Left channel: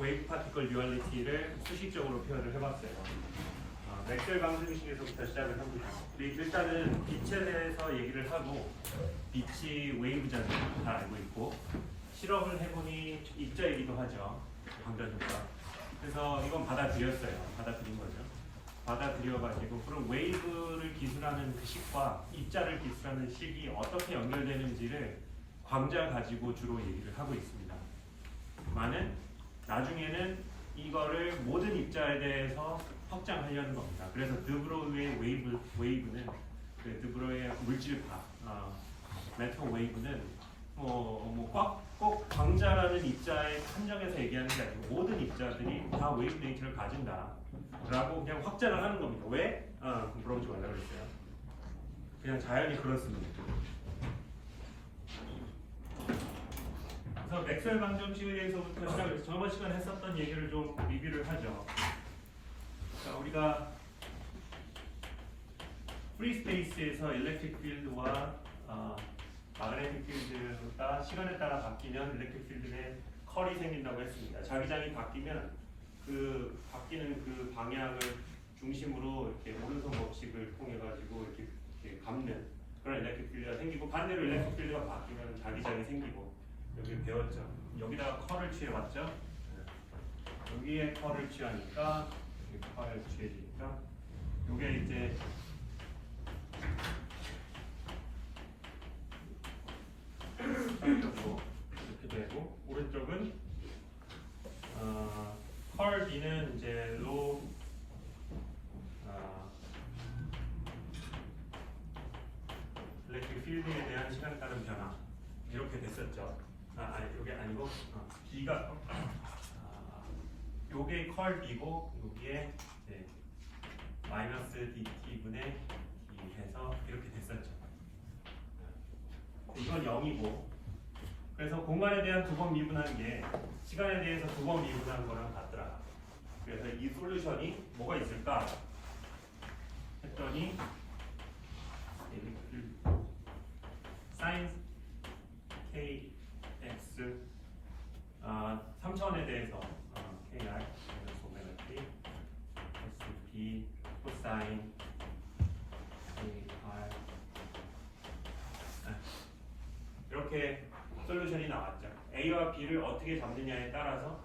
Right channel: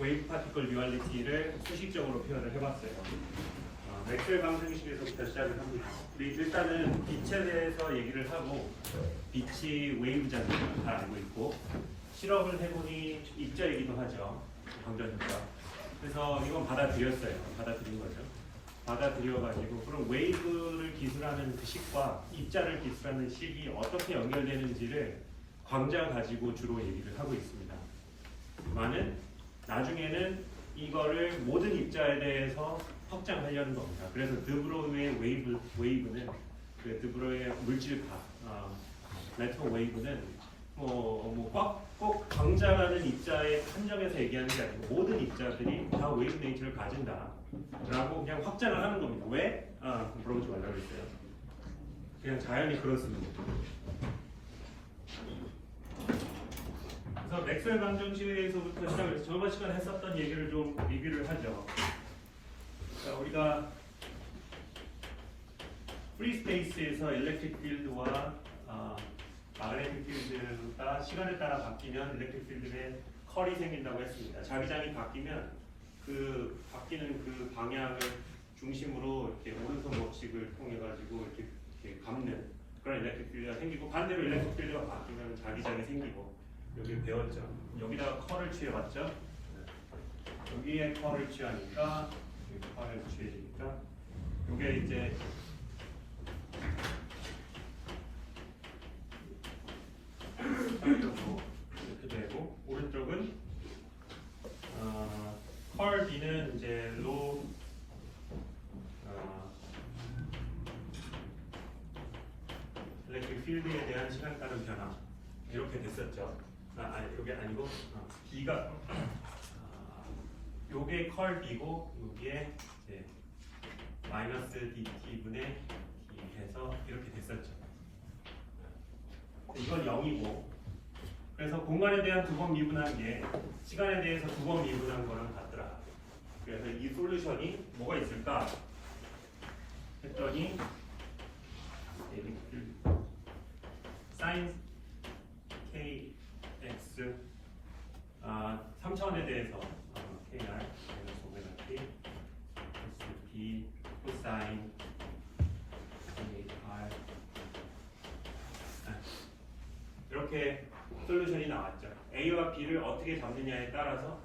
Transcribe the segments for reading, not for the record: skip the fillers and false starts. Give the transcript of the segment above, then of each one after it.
웨이브 파티클 듀얼리티를 수식적으로 표현을 해봤어요. 맥스웰 방정식에서부터 시작을 합니다. 일단은 빛에 대해서 얘기를 하고 빛이 웨이브잖아요. 다 알고 있고 실험을 해보니 입자이기도 하죠. 방정식과. 그래서 이건 받아들였어요. 받아들인 거죠. 받아들여가지고 그럼 웨이브를 기술하는 그 식과 입자를 기술하는 식이 어떻게 연결되는지를 광자 가지고 주로 얘기를 하고 있습니다. 많은 나중에는 이거를 모든 입자에 대해서 확장하려는 겁니다. 그래서 드브로이의 웨이브는 그 드브로이의 물질파 메트로 웨이브는 꼭 광자라는 입자의 한정에서 얘기하는 게 아니고 모든 입자들이 다 웨이브 네이처를 가진다라고 그냥 확장을 하는 겁니다. 왜? 그럼 물어보지 말라고 했어요. 그냥 자연이 그렇습니다. 그래서 맥스웰 방정식에서부터 시작해서 저번 시간에 했었던 얘기를 좀 리뷰를 하죠. 자, 우리가 프리 스페이스에서 일렉트릭 필드와 마그네틱 필드가 시간에 따라 바뀌면 일렉트릭 필드에 컬이 생긴다고 했습니다. 자기장이 바뀌면 그 바뀌는 그 방향을 중심으로 이렇게 오른손 법칙을 통해 가지고 이렇게 감는 그런 일렉트릭 필드가 생기고 반대로 일렉트릭 필드가 바뀌면 자기장이 생기고 여기 배웠죠. 여기다가 컬을 취해봤죠. 여기에 컬을 취하니까 여기 컬을 취해지니까 이게 이제 오른쪽으로 이렇게 되고 오른쪽은 컬 B는 이제 로 일렉트릭 필드에 대한 시간 따른 변화 이렇게 됐었죠. 아니 이게 아니고 B가 요게 컬 B고 요게 이제 마이너스 DT 분의 D 해서 이렇게 됐었죠. 이건 0이고 그래서 공간에 대한 두 번 미분한 게 시간에 대해서 두 번 미분한 거랑 같더라. 그래서 이 솔루션이 뭐가 있을까 했더니 사인 KX 3차원에 대해서 KR 오메가 T SP 코사인 KR 이렇게 솔루션이 나왔죠. A와 B를 어떻게 잡느냐에 따라서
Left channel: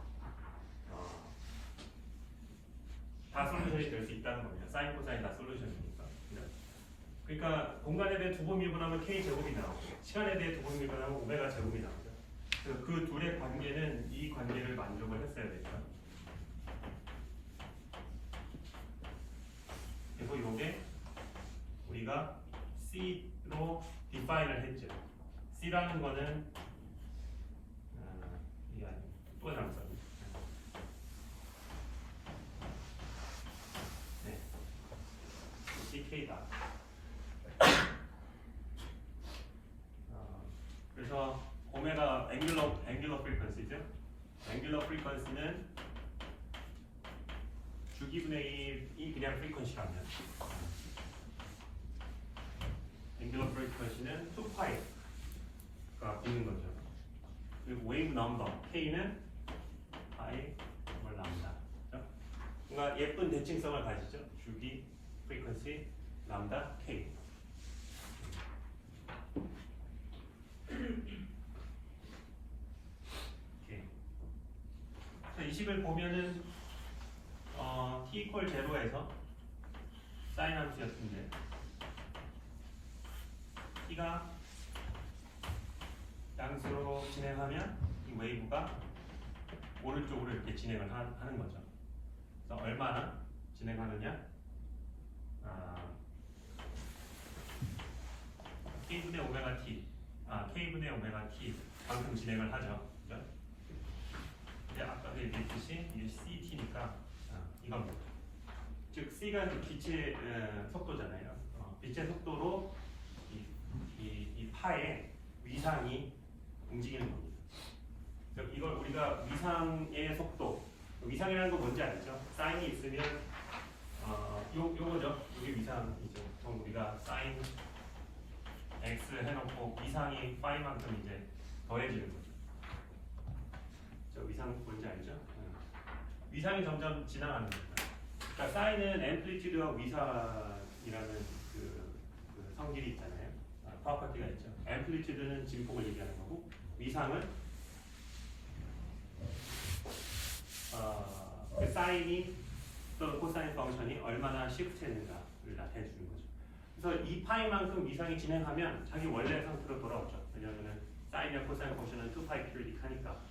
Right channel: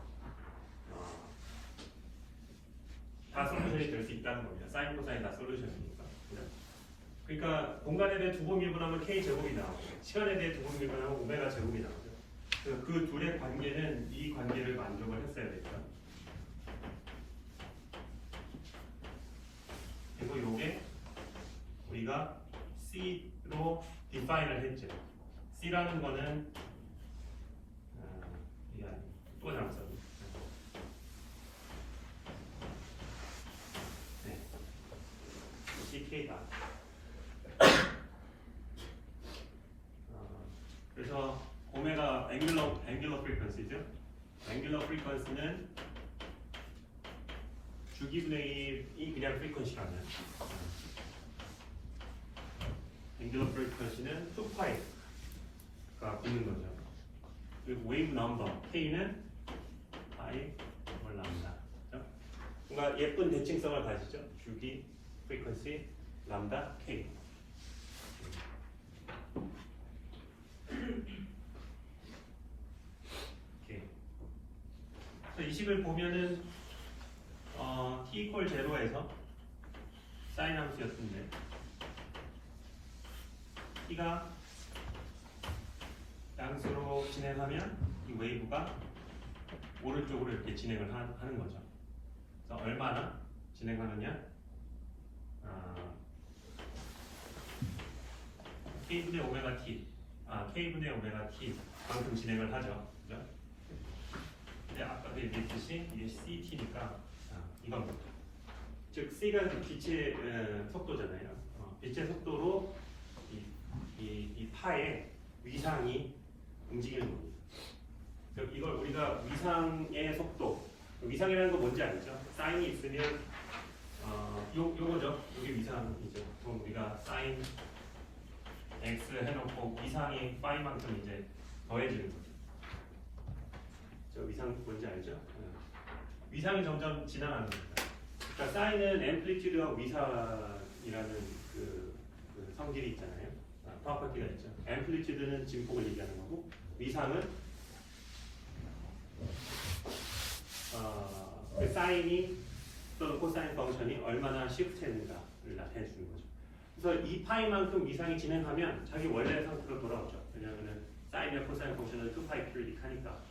다 솔루션이 될 수 있다는 겁니다. 사인 코사인 다 솔루션이니까. 그러니까 공간에 대해 두 번 미분하면 K 제곱이 나오고 시간에 대해 두 번 미분하면 오메가 제곱이 나오고 그 둘의 관계는 이 관계를 만족을 했어야 됐죠. 그리고 이게 우리가 C로 디파인을 했죠. C라는 거는 이게 아니고 또 나왔어. 네, CK다. 그래서 오메가 앵귤러 프리퀀시죠. 앵귤러 프리퀀시는 주기분의 1이 그냥 프리퀀시라면 앵귤러 프리퀀시는 2파이가 있는 거죠. 그리고 웨이브 넘버 K는 파이 월 람다. 뭔가 예쁜 대칭성을 가지죠. 주기 프리퀀시 람다 K. 이 식을 보면은 t 이퀄 제로에서 사인 함수가 있는데 t가 양수로 진행하면 이 웨이브가 오른쪽으로 이렇게 진행을 하는 거죠. 그래서 얼마나 진행하느냐? k분의 오메가 t, k분의 오메가 t 만큼 진행을 하죠. 그죠? 근데 아까도 얘기했듯이 이게 CT니까 이겁니다. 즉 C가 그 빛의 속도잖아요. 빛의 속도로 이 파의 위상이 움직이는 겁니다. 이걸 우리가 위상의 속도, 위상이라는 건 뭔지 알죠? 사인이 있으면 요거죠. 이게 위상이죠. 보통 우리가 사인 X 해놓고 위상이 파이만큼 이제 더해지는 거죠. 위상 뭔지 알죠? 위상이 점점 지나가는 겁니다. 그러니까 사인은 앰플리튜드와 위상이라는 그 성질이 있잖아요. 프로퍼티가 있죠. 앰플리튜드는 진폭을 얘기하는 거고, 위상은 그 사인이 또는 코사인 펑션이 얼마나 시프트했는가를 나타내 주는 거죠. 그래서 이 파이만큼 위상이 진행하면 자기 원래 상태로 돌아오죠. 왜냐하면 사인의 코사인 펑션은 2파이 큐릭하니까.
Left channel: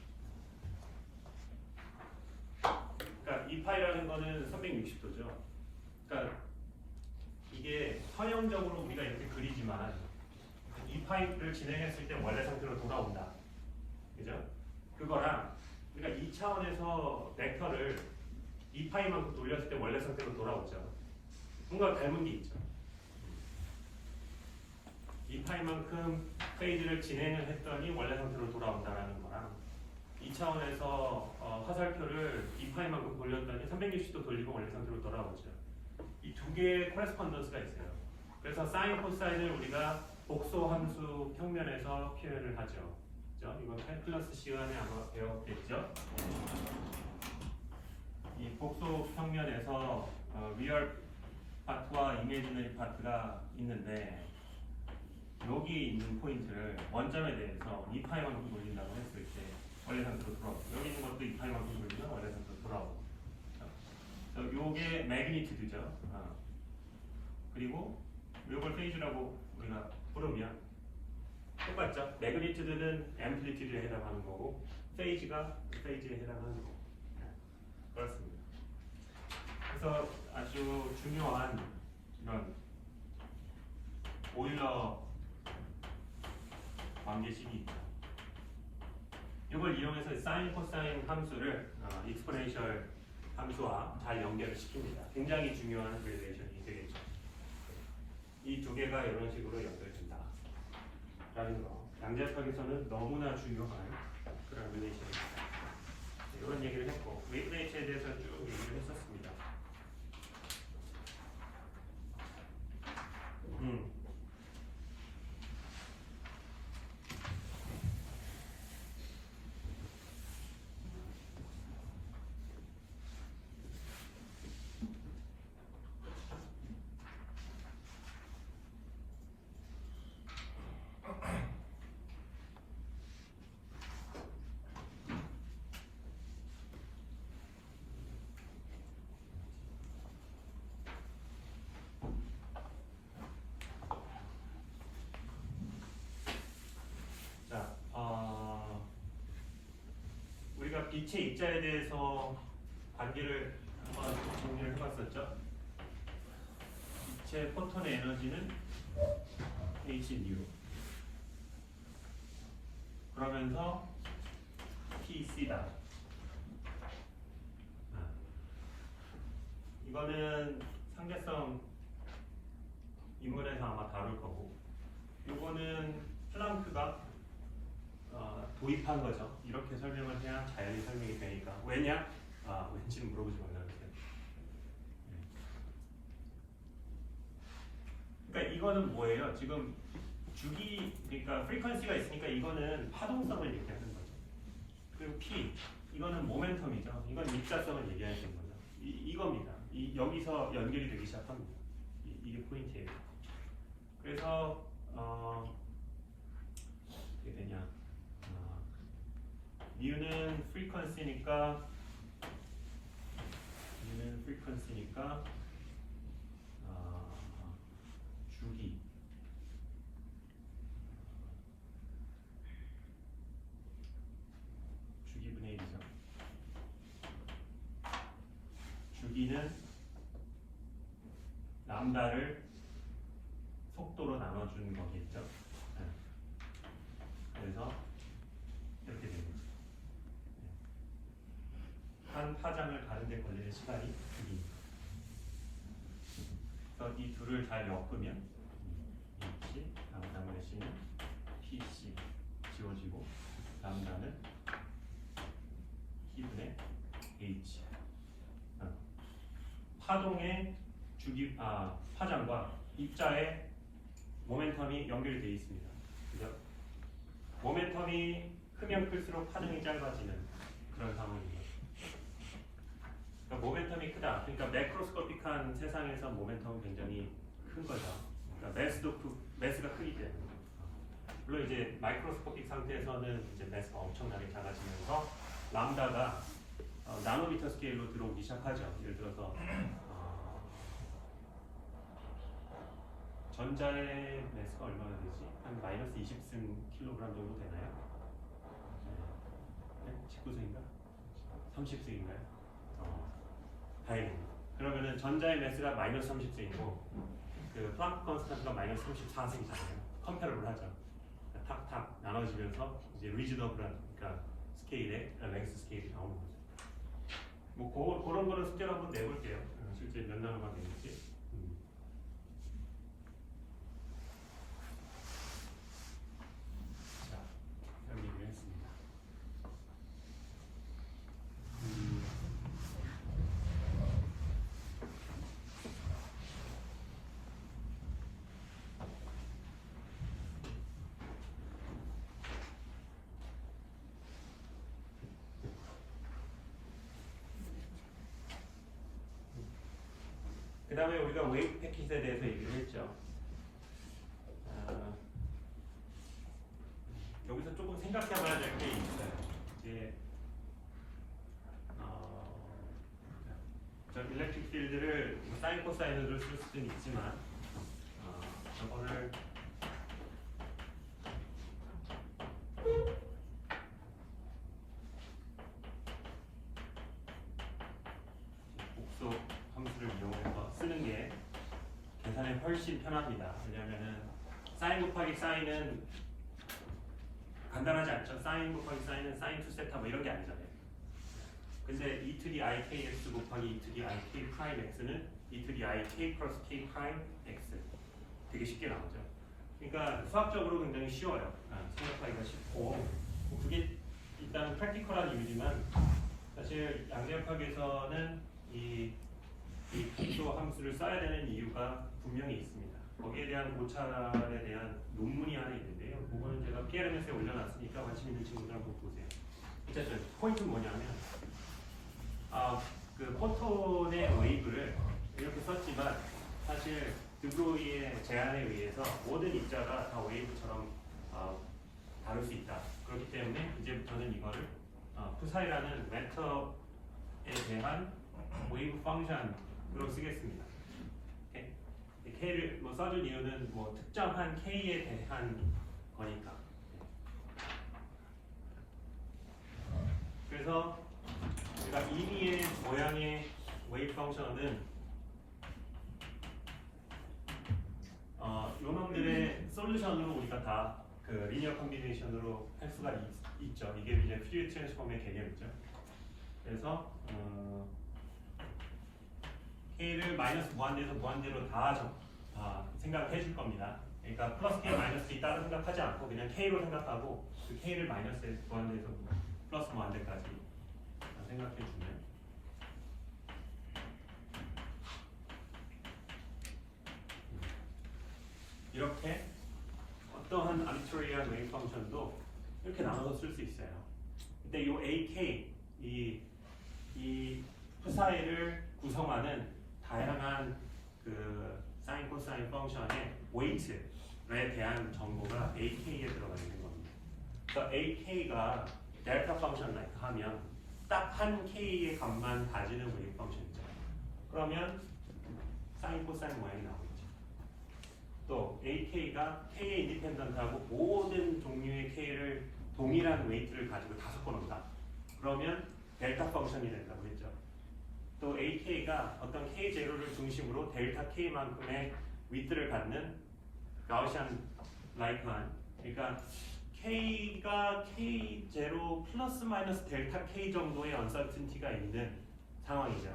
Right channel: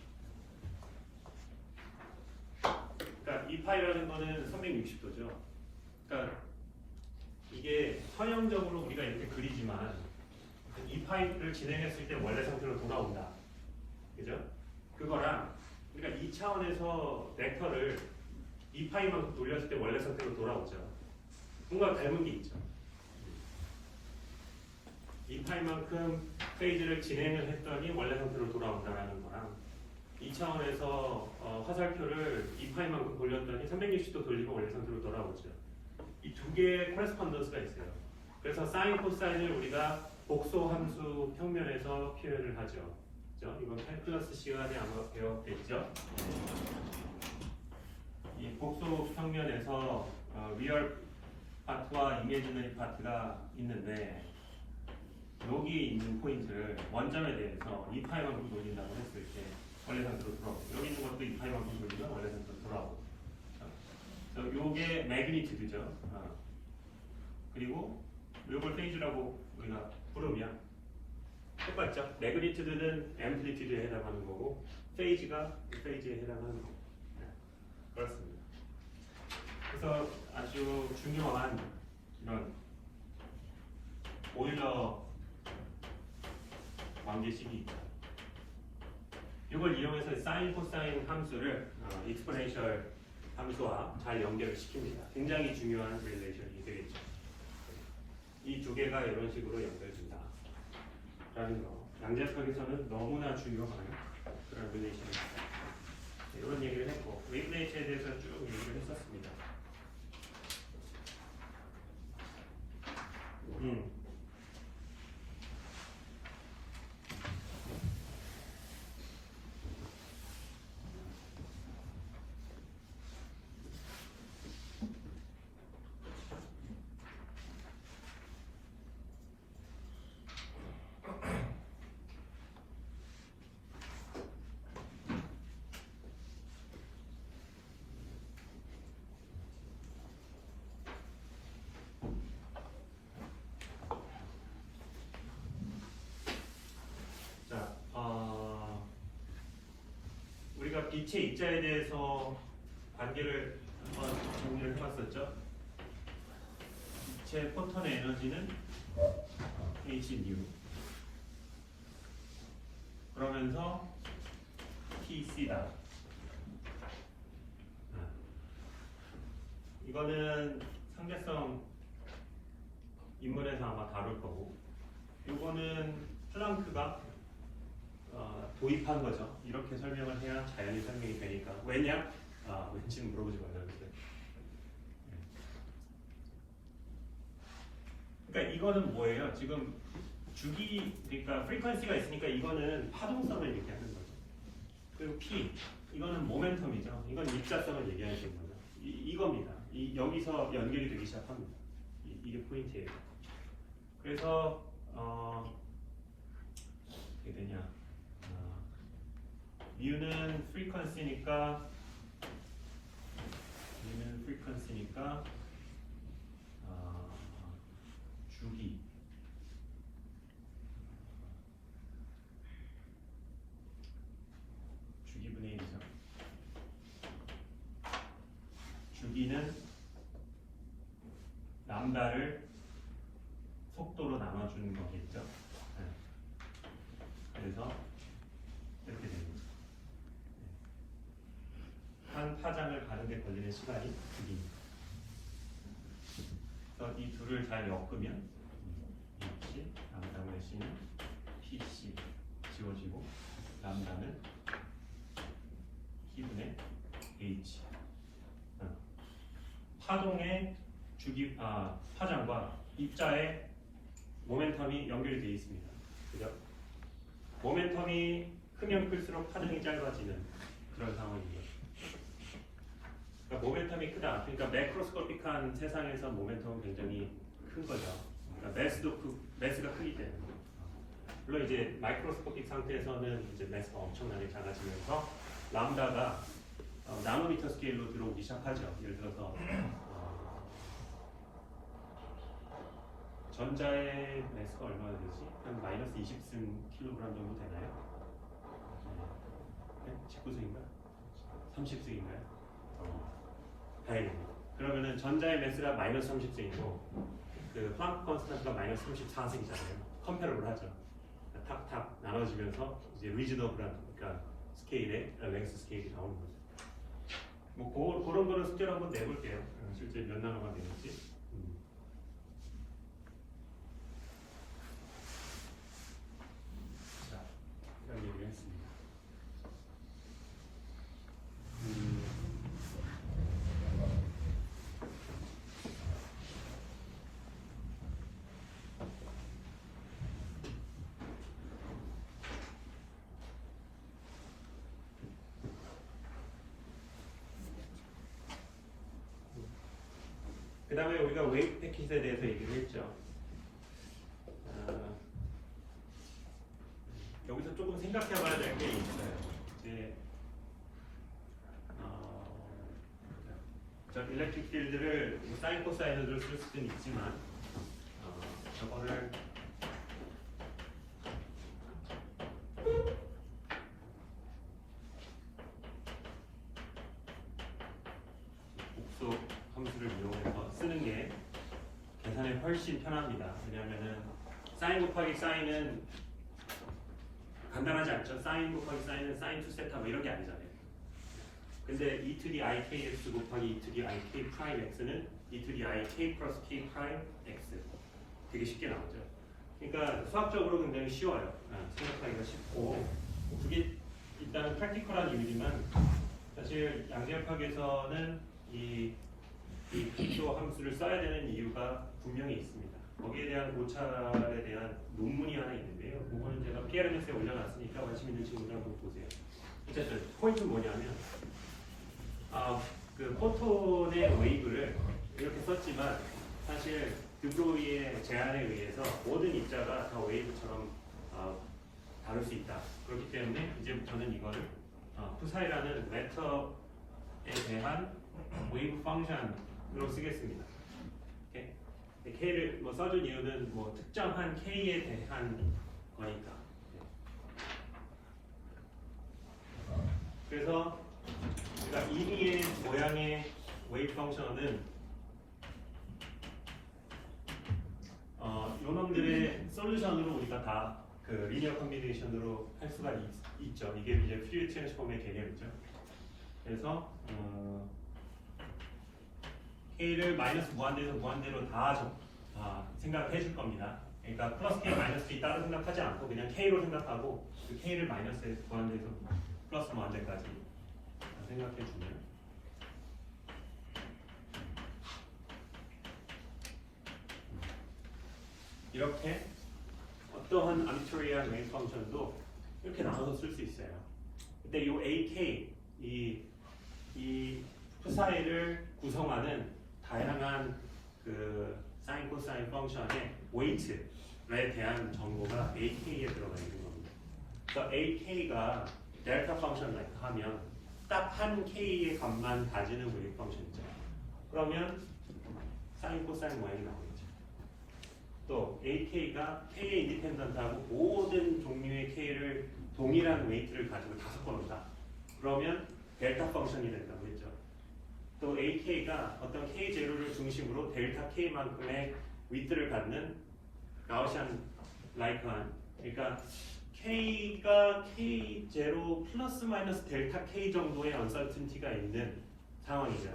그러니까 이 파이라는 거는 360도죠. 그러니까 이게 선형적으로 우리가 이렇게 그리지만 이 파이를 진행했을 때 원래 상태로 돌아온다. 그죠? 그거랑 그러니까 이 차원에서 벡터를 이 파이만큼 돌렸을 때 원래 상태로 돌아오죠. 뭔가 닮은 게 있죠. 이 파이만큼 페이지를 진행을 했더니 원래 상태로 돌아온다는 거랑 이 차원에서 화살표를 이 파이만큼 돌렸더니 360도 돌리고 원래 상태로 돌아오죠. 이 두 개의 코레스폰던스가 있어요. 그래서 사인, 코사인을 우리가 복소 함수 평면에서 표현을 하죠. 그렇죠? 이건 8+ 시간에 아마 배웠겠죠? 이 복소 평면에서 리얼 파트와 이미지너리 파트가 있는데 여기 있는 포인트를 원점에 대해서 2파이만큼 돌린다고 했을 때 원래 상태로 돌아오고 여기 있는 것도 2파이만큼 돌리면 원래 상태로 돌아오고 그래서 요게 매그니튜드죠. 그리고 요걸 페이지라고 우리가 부르면 똑같죠. 매그니튜드는 앰플리튜드에 해당하는 거고 페이지가 페이지에 해당하는 거고 그렇습니다. 그래서 아주 중요한 이런 오일러 관계식이 있다. 이걸 이용해서 사인, 코사인 함수를 익스포넨셜 함수와 잘 연결을 시킵니다. 굉장히 중요한 릴레이션이 되겠죠. 이 두 개가 이런 식으로 연결된다. 라는 거. 양자역학에서는 너무나 중요한 그런 릴레이션입니다. 이런 얘기를 했고, 웨이브네이처에 대해서 쭉 얘기를 했었습니다. 우리가 빛의 입자에 대해서 관계를 한번 정리를 해봤었죠. 빛의 포톤의 에너지는 hν 그러면서 pc다. 이거는 상대성 인문에서 아마 다룰 거고 이거는 플랑크가 도입한 거죠. 이렇게 설명을 해야 자연히 설명이 되니까. 왜냐? 왠지는 물어보지 말라 그랬어요. 그러니까 이거는 뭐예요? 지금 주기, 그러니까 프리퀀시가 있으니까 이거는 파동성을 얘기하는 거죠. 그리고 P, 이거는 모멘텀이죠. 이건 입자성을 얘기하는 거죠. 이겁니다. 여기서 연결이 되기 시작합니다. 이게 포인트예요. 그래서 어떻게 되냐? U는 프리퀀시니까 주기 주기분의 1이죠. 주기는 람다를 속도로 나눠주는 거겠죠. 네. 그래서 이렇게 됩니다. 한 파장을 가는데 걸리는 시간이 주기입니다. 그래서 이 둘을 잘 엮으면 H, 람다의 C는 PC 지워지고 람다는 T분의 H. 파동의 파장과 입자의 모멘텀이 연결이 되어 있습니다. 그죠? 모멘텀이 크면 클수록 파장이 짧아지는 그런 상황인 거죠. 그러니까 모멘텀이 크다. 그러니까 매크로스코픽한 세상에서 모멘텀은 굉장히 큰 거죠. 그러니까 매스가 크기 때문에. 물론 이제 마이크로스코픽 상태에서는 이제 매스가 엄청나게 작아지면서 람다가 나노미터 스케일로 들어오기 시작하죠. 예를 들어서 전자의 매스가 얼마나 되지? 한 마이너스 20승 킬로그램 정도 되나요? 네? 19승인가? 30승인가요? 다행입니다. 그러면은 전자의 매스가 마이너스 30승이고 그 플랑크 컨스탄트가 마이너스 34승이잖아요. 컴패러블 하죠. 탁탁 나눠지면서 이제 리즈너블한 그러니까 스케일의 랭스 스케일이 나오는 거죠. 뭐 그런 거는 숙제로 한번 내볼게요. 실제 몇 나노가 되는지. 자, 이런 얘기를 했습니다. 그 다음에 우리가 웨이브 패킷에 대해서 얘기를 했죠. 여기서 조금 생각해봐야 될 게 있어요. 이제 일렉트릭 필드를 사인 코사인으로 쓸 수는 있지만 이거를 복소 함수를 이용해서 쓰는 게 계산이 훨씬 편합니다. 왜냐하면 사인 곱하기 사인은 간단하지 않죠. 사인 곱하기 사인은 사인 2세타 뭐 이런 게 아니잖아요. 근데 e to the ikx 곱하기 e to the ik 프라임 x는 e to the ik 플러스 k 프라임 x 되게 쉽게 나오죠. 그러니까 수학적으로 굉장히 쉬워요. 생각하기가 쉽고 그게 일단 프랙티컬한 이유지만 사실 양자역학에서는 이 복소 함수를 써야 되는 이유가 분명히 있습니다. 거기에 대한 고찰에 대한 논문이 하나 있는데요. 그거는 제가 PLMS에 올려놨으니까 관심 있는 친구들 한번 보세요. 어쨌든 포인트는 뭐냐면 그 포톤의 웨이브를 이렇게 썼지만 사실 드브로이의 제안에 의해서 모든 입자가 다 웨이브처럼 다룰 수 있다. 그렇기 때문에 이제부터는 이거를 푸사이라는 벡터에 대한 웨이브 펑션으로 쓰겠습니다. K를 뭐 써준 이유는 뭐 특정한 K에 대한 거니까. 그래서 그러니까 이미의 모양의 웨이브 펑션은 요놈들의 솔루션으로 우리가 다 그 리니어 컨비네이션으로 할 수가 있죠. 이게 이제 퓨리 트랜스폼의 개념이죠. 그래서 K를 마이너스 무한대에서 무한대로 다 생각해 줄 겁니다. 그러니까 플러스 K 마이너스 K 따로 생각하지 않고 그냥 K로 생각하고 그 K를 마이너스 무한대에서 플러스 무한대까지 생각해 주면 이렇게 어떠한 암비토리얼 메인 펑션도 이렇게 나눠서 쓸 수 있어요. 근데 이 AK 이 푸사이를 구성하는 다양한 그 사인 코사인 펑션의 웨이트에 대한 정보가 AK에 들어가 있는 겁니다. 그래서 AK가 델타 펑션을 하면 딱 한 K의 값만 가지는 웨이브 펑션 있죠. 그러면 사인 코사인 모양이 나오겠죠. 또 AK가 K에 인디펜던트하고 모든 종류의 K를 동일한 웨이트를 가지고 다 섞어놓는다. 그러면 델타 펑션이 된다고 했죠. 또 AK가 어떤 K0를 중심으로 델타 K만큼의 윗들을 갖는 가우시안 라이크한, 그러니까 K가 K0 플러스 마이너스 델타 K 정도의 언설튼티가 있는 상황이죠.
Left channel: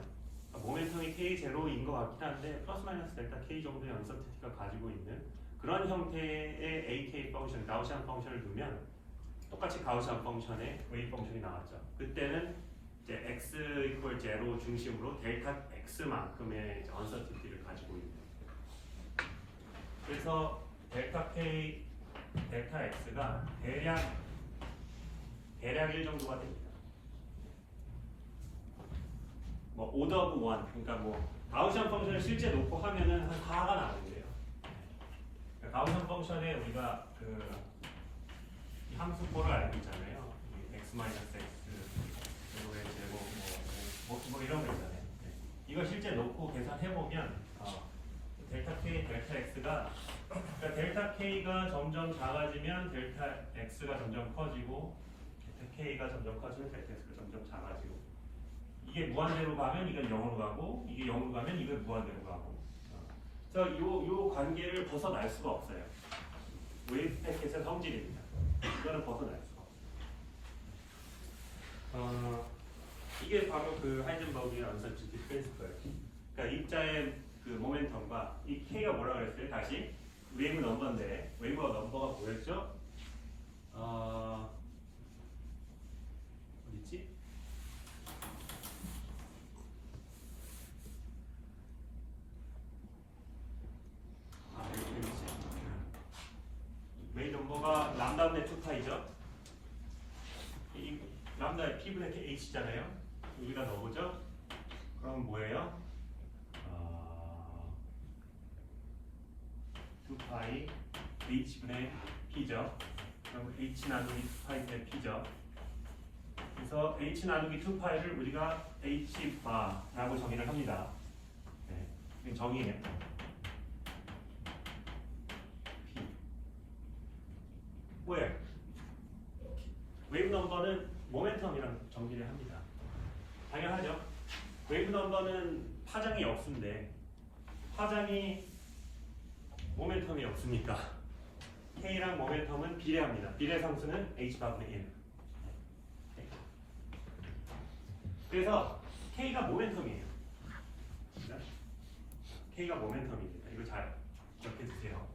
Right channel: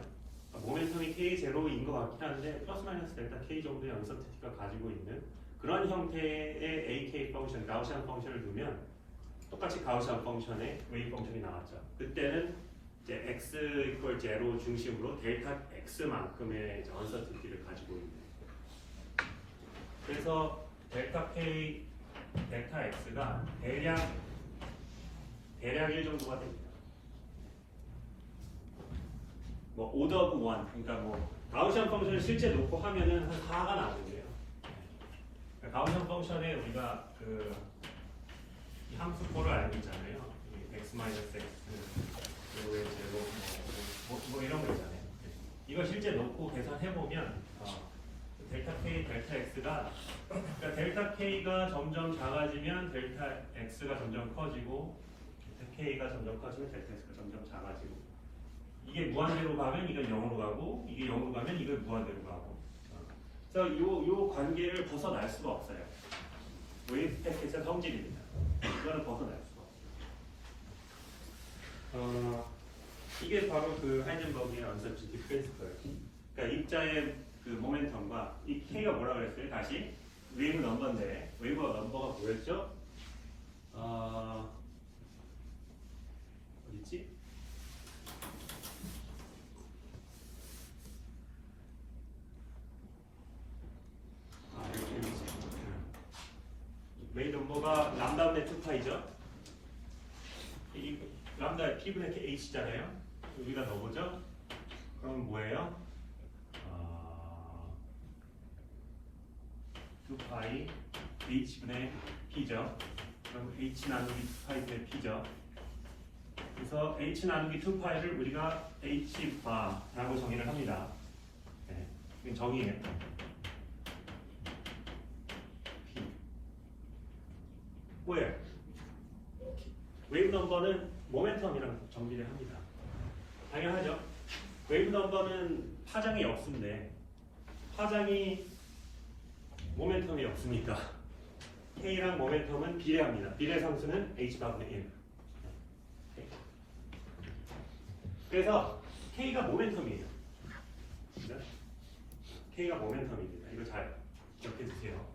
모멘텀이 K0인 것 같긴 한데 플러스 마이너스 델타 K 정도의 언설튼티가 가지고 있는 그런 형태의 AK 펑션, 가우시안 펑션을 두면 똑같이 가우시안 펑션의 웨이브 펑션이 나왔죠. 그때는 이제 x equal 0 중심으로 델타 x만큼의 언서티티를 가지고 있는. 그래서 델타 k, 델타 x가 대략 1 정도가 됩니다. 뭐 오더 오브 원, 그러니까 뭐 가우시안 펑션을 실제 놓고 하면은 한 4가 나오는데요. 가우시안 펑션에 우리가 그 함수꼴을 알고 있잖아요. x 마이너스 x 제곱의 제곱 뭐 이런 거 있잖아요. 이거 실제 놓고 계산해 보면 델타 k, 델타 x가 그러니까 델타 k가 점점 작아지면 델타 x가 점점 커지고 델타 k가 점점 커지면 델타 x가 점점 작아지고 이게 무한대로 가면 이건 0으로 가고 이게 0으로 가면 이걸 무한대로 가고 그래서 요 관계를 벗어날 수가 없어요. 웨이브 패킷의 성질입니다. 이거는 벗어날 수가 없어요. 이게 바로 그 하이젠버그의 언서티티 프린시플. 그러니까 입자의 그 모멘텀과 이 k가 뭐라고 했어요? 다시 웨이브 넘버인데 웨이브 넘버가 뭐였죠? 어디지? 웨이브 넘버가 람다분의 2파이죠? 이 람다의 P분의 H잖아요? 여기가 넣어보죠? 그럼 뭐예요? 2파이 H분의 P죠. 그럼 H 나누기 2파이분의 P죠. 그래서 H 나누기 2파이를 우리가 H바라고 정의를 합니다. 네. 지금 정의는 P. 뭐예요? 웨이브 넘버는 모멘텀이랑 정의를 합니다. 당연하죠. 웨이브 넘버는 파장이 없는데 파장이 모멘텀이 없으니까 K랑 모멘텀은 비례합니다. 비례 상수는 H바분의 1. 그래서 K가 모멘텀이에요. K가 모멘텀입니다. 이거 잘 기억해 주세요.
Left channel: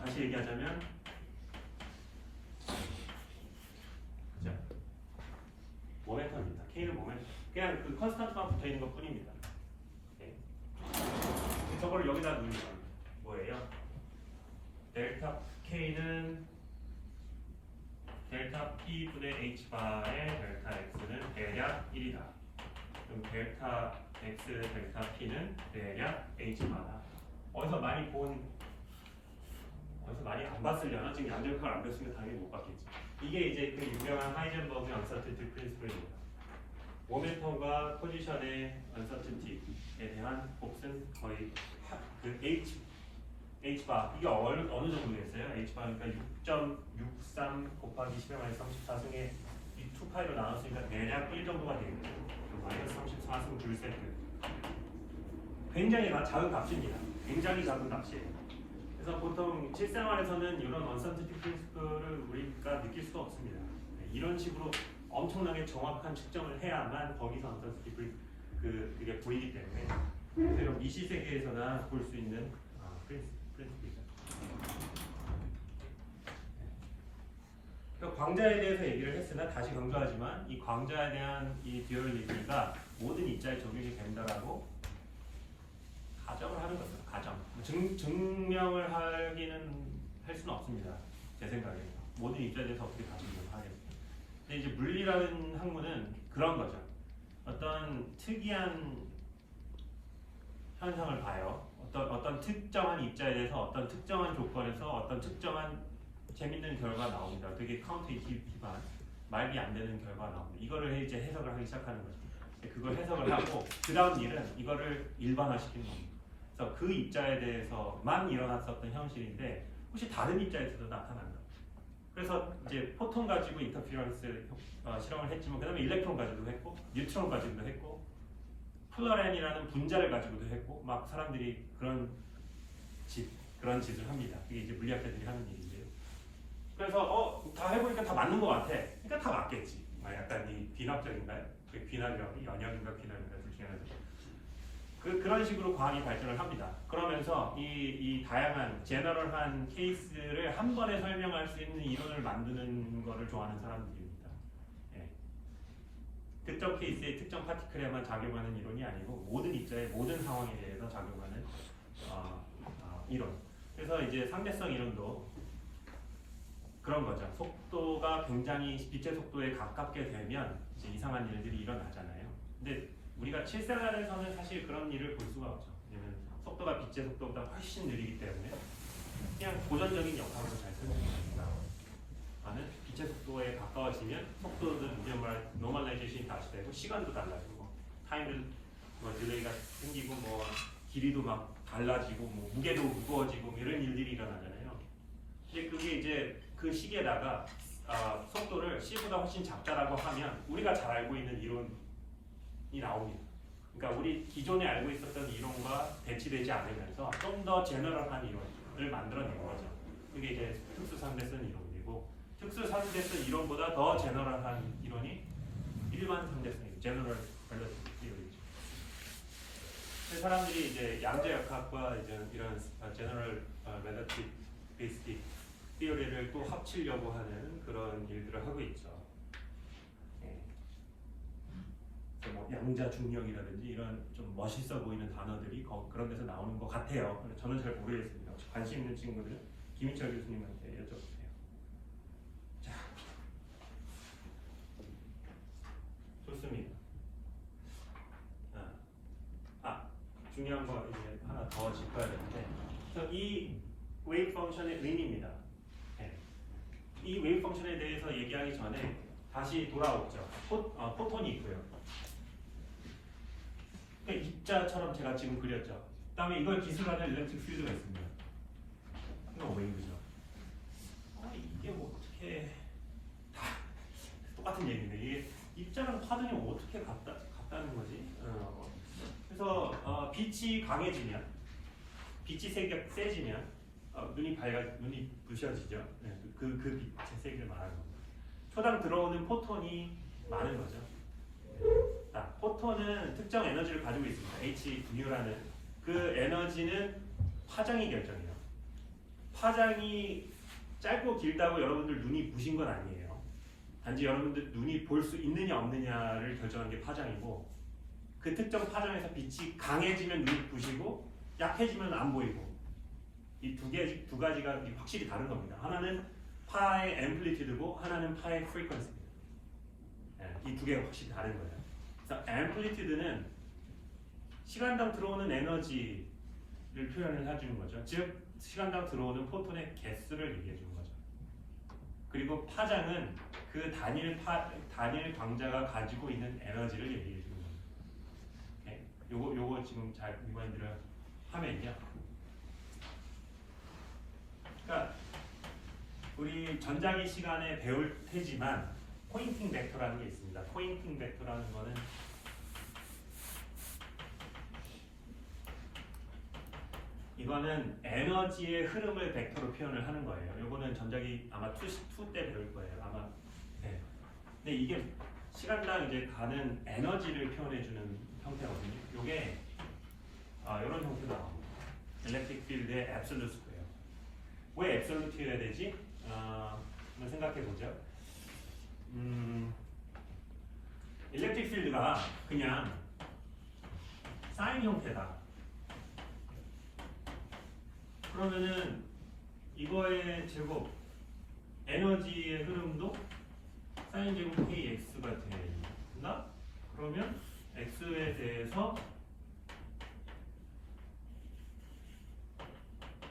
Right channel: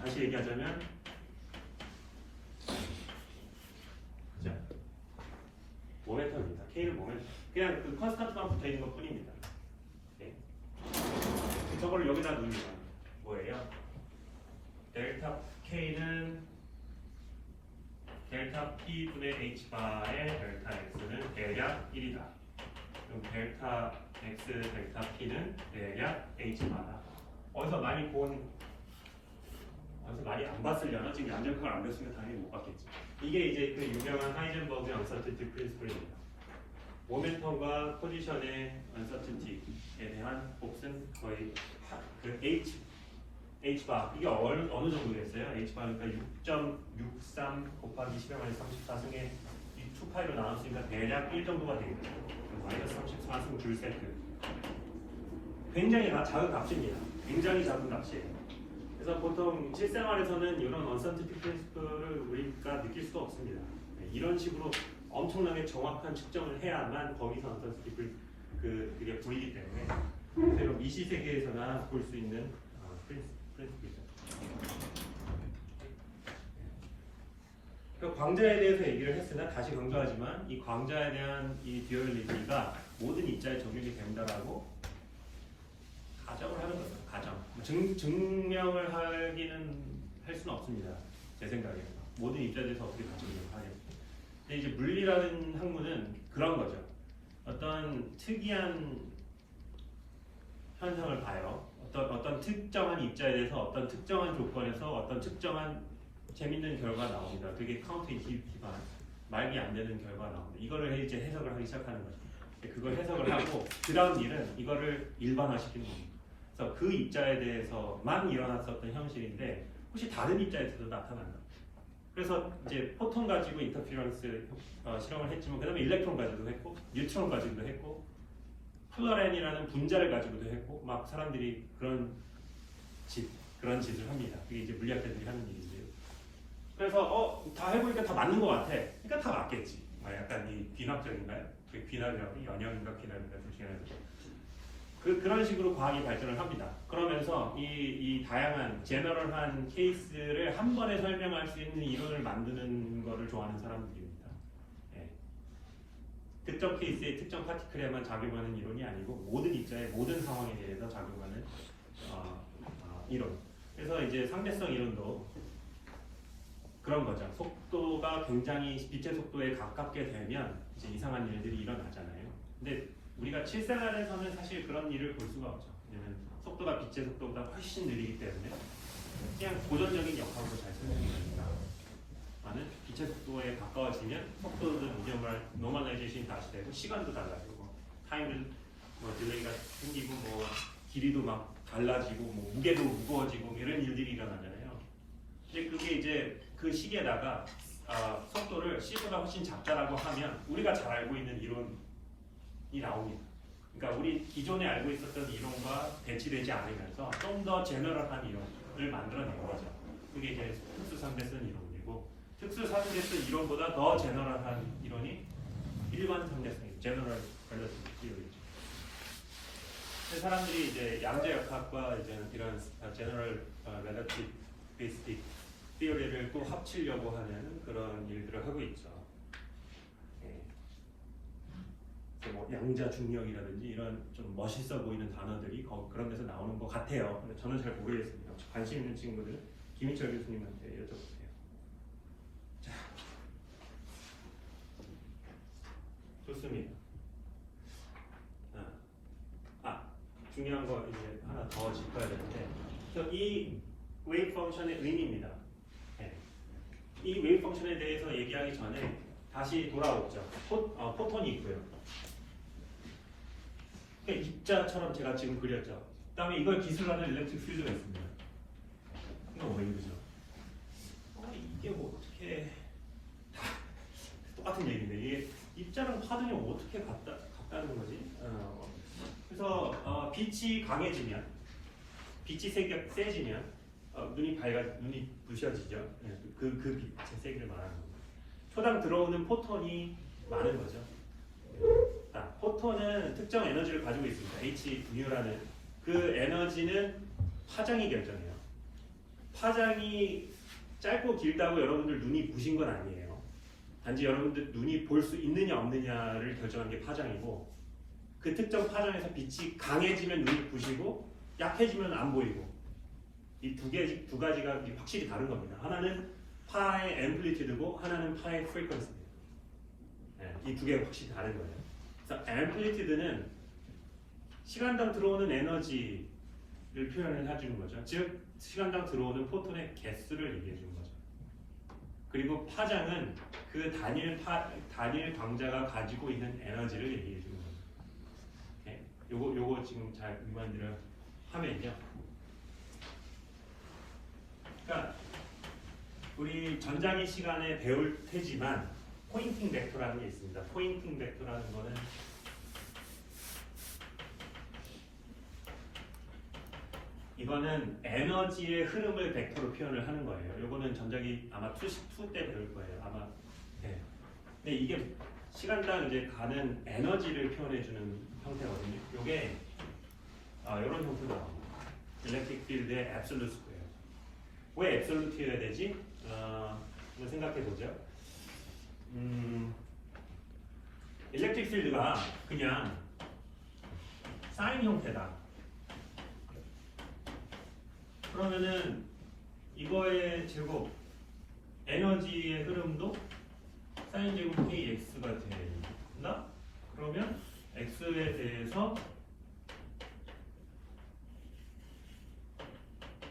다시 얘기하자면 자, 모멘텀입니다. K는 모멘텀. 그냥 그 컨스턴트만 붙어 있는 것 뿐입니다. 네. 저걸 여기다 넣으면 뭐예요? 델타 K는 델타 P분의 H바의 델타 X는 대략 1이다. 그럼 델타 X, 델타 P는 대략 H바다. 어디서 많이 안 봤으려나? 지금 양절표를 안 봤으면 당연히 못 봤겠지. 이게 이제 그 유명한 하이젠버그의 언서티티 프린시플입니다. 모멘텀과 포지션의 언서티티에 대한 몫은 거의 그 H바 이게 어느 정도 됐어요? H바니까 6.63 곱하기 10의 34 승에 이 2파이로 나눴으니까 대략 1 정도가 되겠죠. 마이너스 34승 줄 세트. 굉장히 작은 값입니다. 굉장히 작은 값이에요. 그래서 보통 실생활에서는 이런 언서티티 프린시플을 우리가 느낄 수가 없습니다. 이런 식으로 엄청나게 정확한 측정을 해야만 거기서 언서티티 그게 보이기 때문에 그래서 미시 세계에서나 볼 수 있는 프린시플이죠. 광자에 대해서 얘기를 했으나 다시 강조하지만 이 광자에 대한 이 듀얼리티가 모든 입자에 적용이 된다라고 가정을 하는 거죠. 가정. 증명을 하기는 할 수는 없습니다. 제 생각에 모든 입자에 대해서 어떻게 가정을 하겠습니까? 근데 이제 물리라는 학문은 그런 거죠. 어떤 특이한 현상을 봐요. 어떤 특정한 입자에 대해서 어떤 특정한 조건에서 어떤 특정한 재밌는 결과가 나옵니다. 되게 카운터인투이티브한 말이 안 되는 결과가 나옵니다. 이거를 이제 해석을 하기 시작하는 거죠. 그걸 해석을 하고 그 다음 일은 이거를 일반화시키는 겁니다. 그래서 그 입자에 대해서만 일어났었던 현실인데 혹시 다른 입자에서도 나타나는 그래서 이제 포톤 가지고 인터피런스 실험을 했지만 그 다음에 일렉트론 가지고도 했고 뉴트론 가지고도 했고 플러렌이라는 분자를 가지고도 했고 막 사람들이 그런 짓을 합니다. 그게 이제 물리학자들이 하는 일인데요. 그래서 다 해보니까 다 맞는 것 같아. 그러니까 다 맞겠지. 약간 이 비납적인가요? 비납이라고 연약인가 비납인가 둘 중에 하나죠. 그런 식으로 과학이 발전을 합니다. 그러면서 이 다양한 제너럴한 케이스를 한 번에 설명할 수 있는 이론을 만드는 것을 좋아하는 사람들입니다. 예. 특정 케이스의 특정 파티클에만 작용하는 이론이 아니고 모든 입자의 모든 상황에 대해서 작용하는 이론. 그래서 이제 상대성 이론도 그런 거죠. 속도가 굉장히 빛의 속도에 가깝게 되면 이제 이상한 일들이 일어나잖아요. 근데 우리가 실생활에서는 사실 그런 일을 볼 수가 없죠. 왜냐면 속도가 빛의 속도보다 훨씬 느리기 때문에 그냥 고전적인 역학으로 잘 설명이 됩니다. 만약 빛의 속도에 가까워지면 속도는 이제 말 노멀라이제이션이 다시 되고 시간도 달라지고 타임은 뭐 딜레이가 생기고 뭐 길이도 막 달라지고 뭐 무게도 무거워지고 이런 일들이 일어나잖아요. 이제 그게 이제 그 시기에다가 속도를 c보다 훨씬 작다라고 하면 우리가 잘 알고 있는 이론이 나옵니다. 그러니까 우리 기존에 알고 있었던 이론과 배치되지 않으면서 좀 더 제너럴한 이론을 만들어낸 거죠. 그게 이제 특수상대 쓴 이론이고 특수상대 쓴 이론보다 더 제너럴한 이론이 일반 상대 쓴 제너럴 밸런스 이론이죠. 사람들이 이제 양자역학과 이제 이런 제너럴 relativistic 티어리를 또 합치려고 하는 그런 일들을 하고 있죠. 뭐 양자 중력이라든지 이런 좀 멋있어 보이는 단어들이 그런 데서 나오는 것 같아요. 저는 잘 모르겠습니다. 혹시 관심 있는 친구들 김희철 교수님한테 여쭤보세요. 자, 좋습니다. 중요한 거 이제 하나 더 짚어야 되는데, 이 웨이브 펑션의 의미입니다. 이 웨이브 펑션에 대해서 얘기하기 전에 다시 돌아오죠. 포톤이 있고요. 입자처럼 제가 지금 그렸죠. 그다음에 이걸 기술하는 일렉트릭 필드가 있습니다. 이건 웨이브죠. 이게 뭐 어떻게 다 똑같은 얘기인데 이게 입자랑 파동이 어떻게 같다는 거지? 그래서 빛이 강해지면, 빛이 세지면 눈이 부셔지죠. 그 빛의 세기를 말하는 겁니다. 초당 들어오는 포톤이 많은 거죠. 포톤은 특정 에너지를 가지고 있습니다. H뮤라는 그 에너지는 파장이 결정해요. 파장이 짧고 길다고 여러분들 눈이 부신 건 아니에요. 단지 여러분들 눈이 볼 수 있느냐 없느냐를 결정한 게 파장이고, 그 특정 파장에서 빛이 강해지면 눈이 부시고 약해지면 안 보이고, 이 두 가지가 확실히 다른 겁니다. 하나는 파의 앰플리튜드고 하나는 파의 프리퀀시입니다. 이 두 개가 확실히 다른 거예요. 그래서 앰플리튜드는 시간당 들어오는 에너지를 표현을 해주는 거죠. 즉 시간당 들어오는 포톤의 개수를 얘기해 주는 거죠. 그리고 파장은 그 단일 광자가 가지고 있는 에너지를 얘기해 주는 겁니다. 요거 지금 잘 리마인드를 하면요. 그러니까 우리 전자기 시간에 배울 테지만 포인팅 벡터라는 게 있습니다. 포인팅 벡터라는 거는 이거는 에너지의 흐름을 벡터로 표현을 하는 거예요. 요거는 전자기 아마 2 때 배울 거예요. 아마. 네. 근데 이게 시간당 이제 가는 에너지를 표현해주는 형태거든요. 요게 이런 형태로 나옵니다. 일렉트릭 필드의 앱솔루트예요. 왜 앱솔루트여야 되지? 한번 생각해 보죠. 일렉트릭 필드가 그냥 사인 형태다. 그러면은 이거의 제곱 에너지의 흐름도 사인 제곱 kx가 된다? 그러면 x에 대해서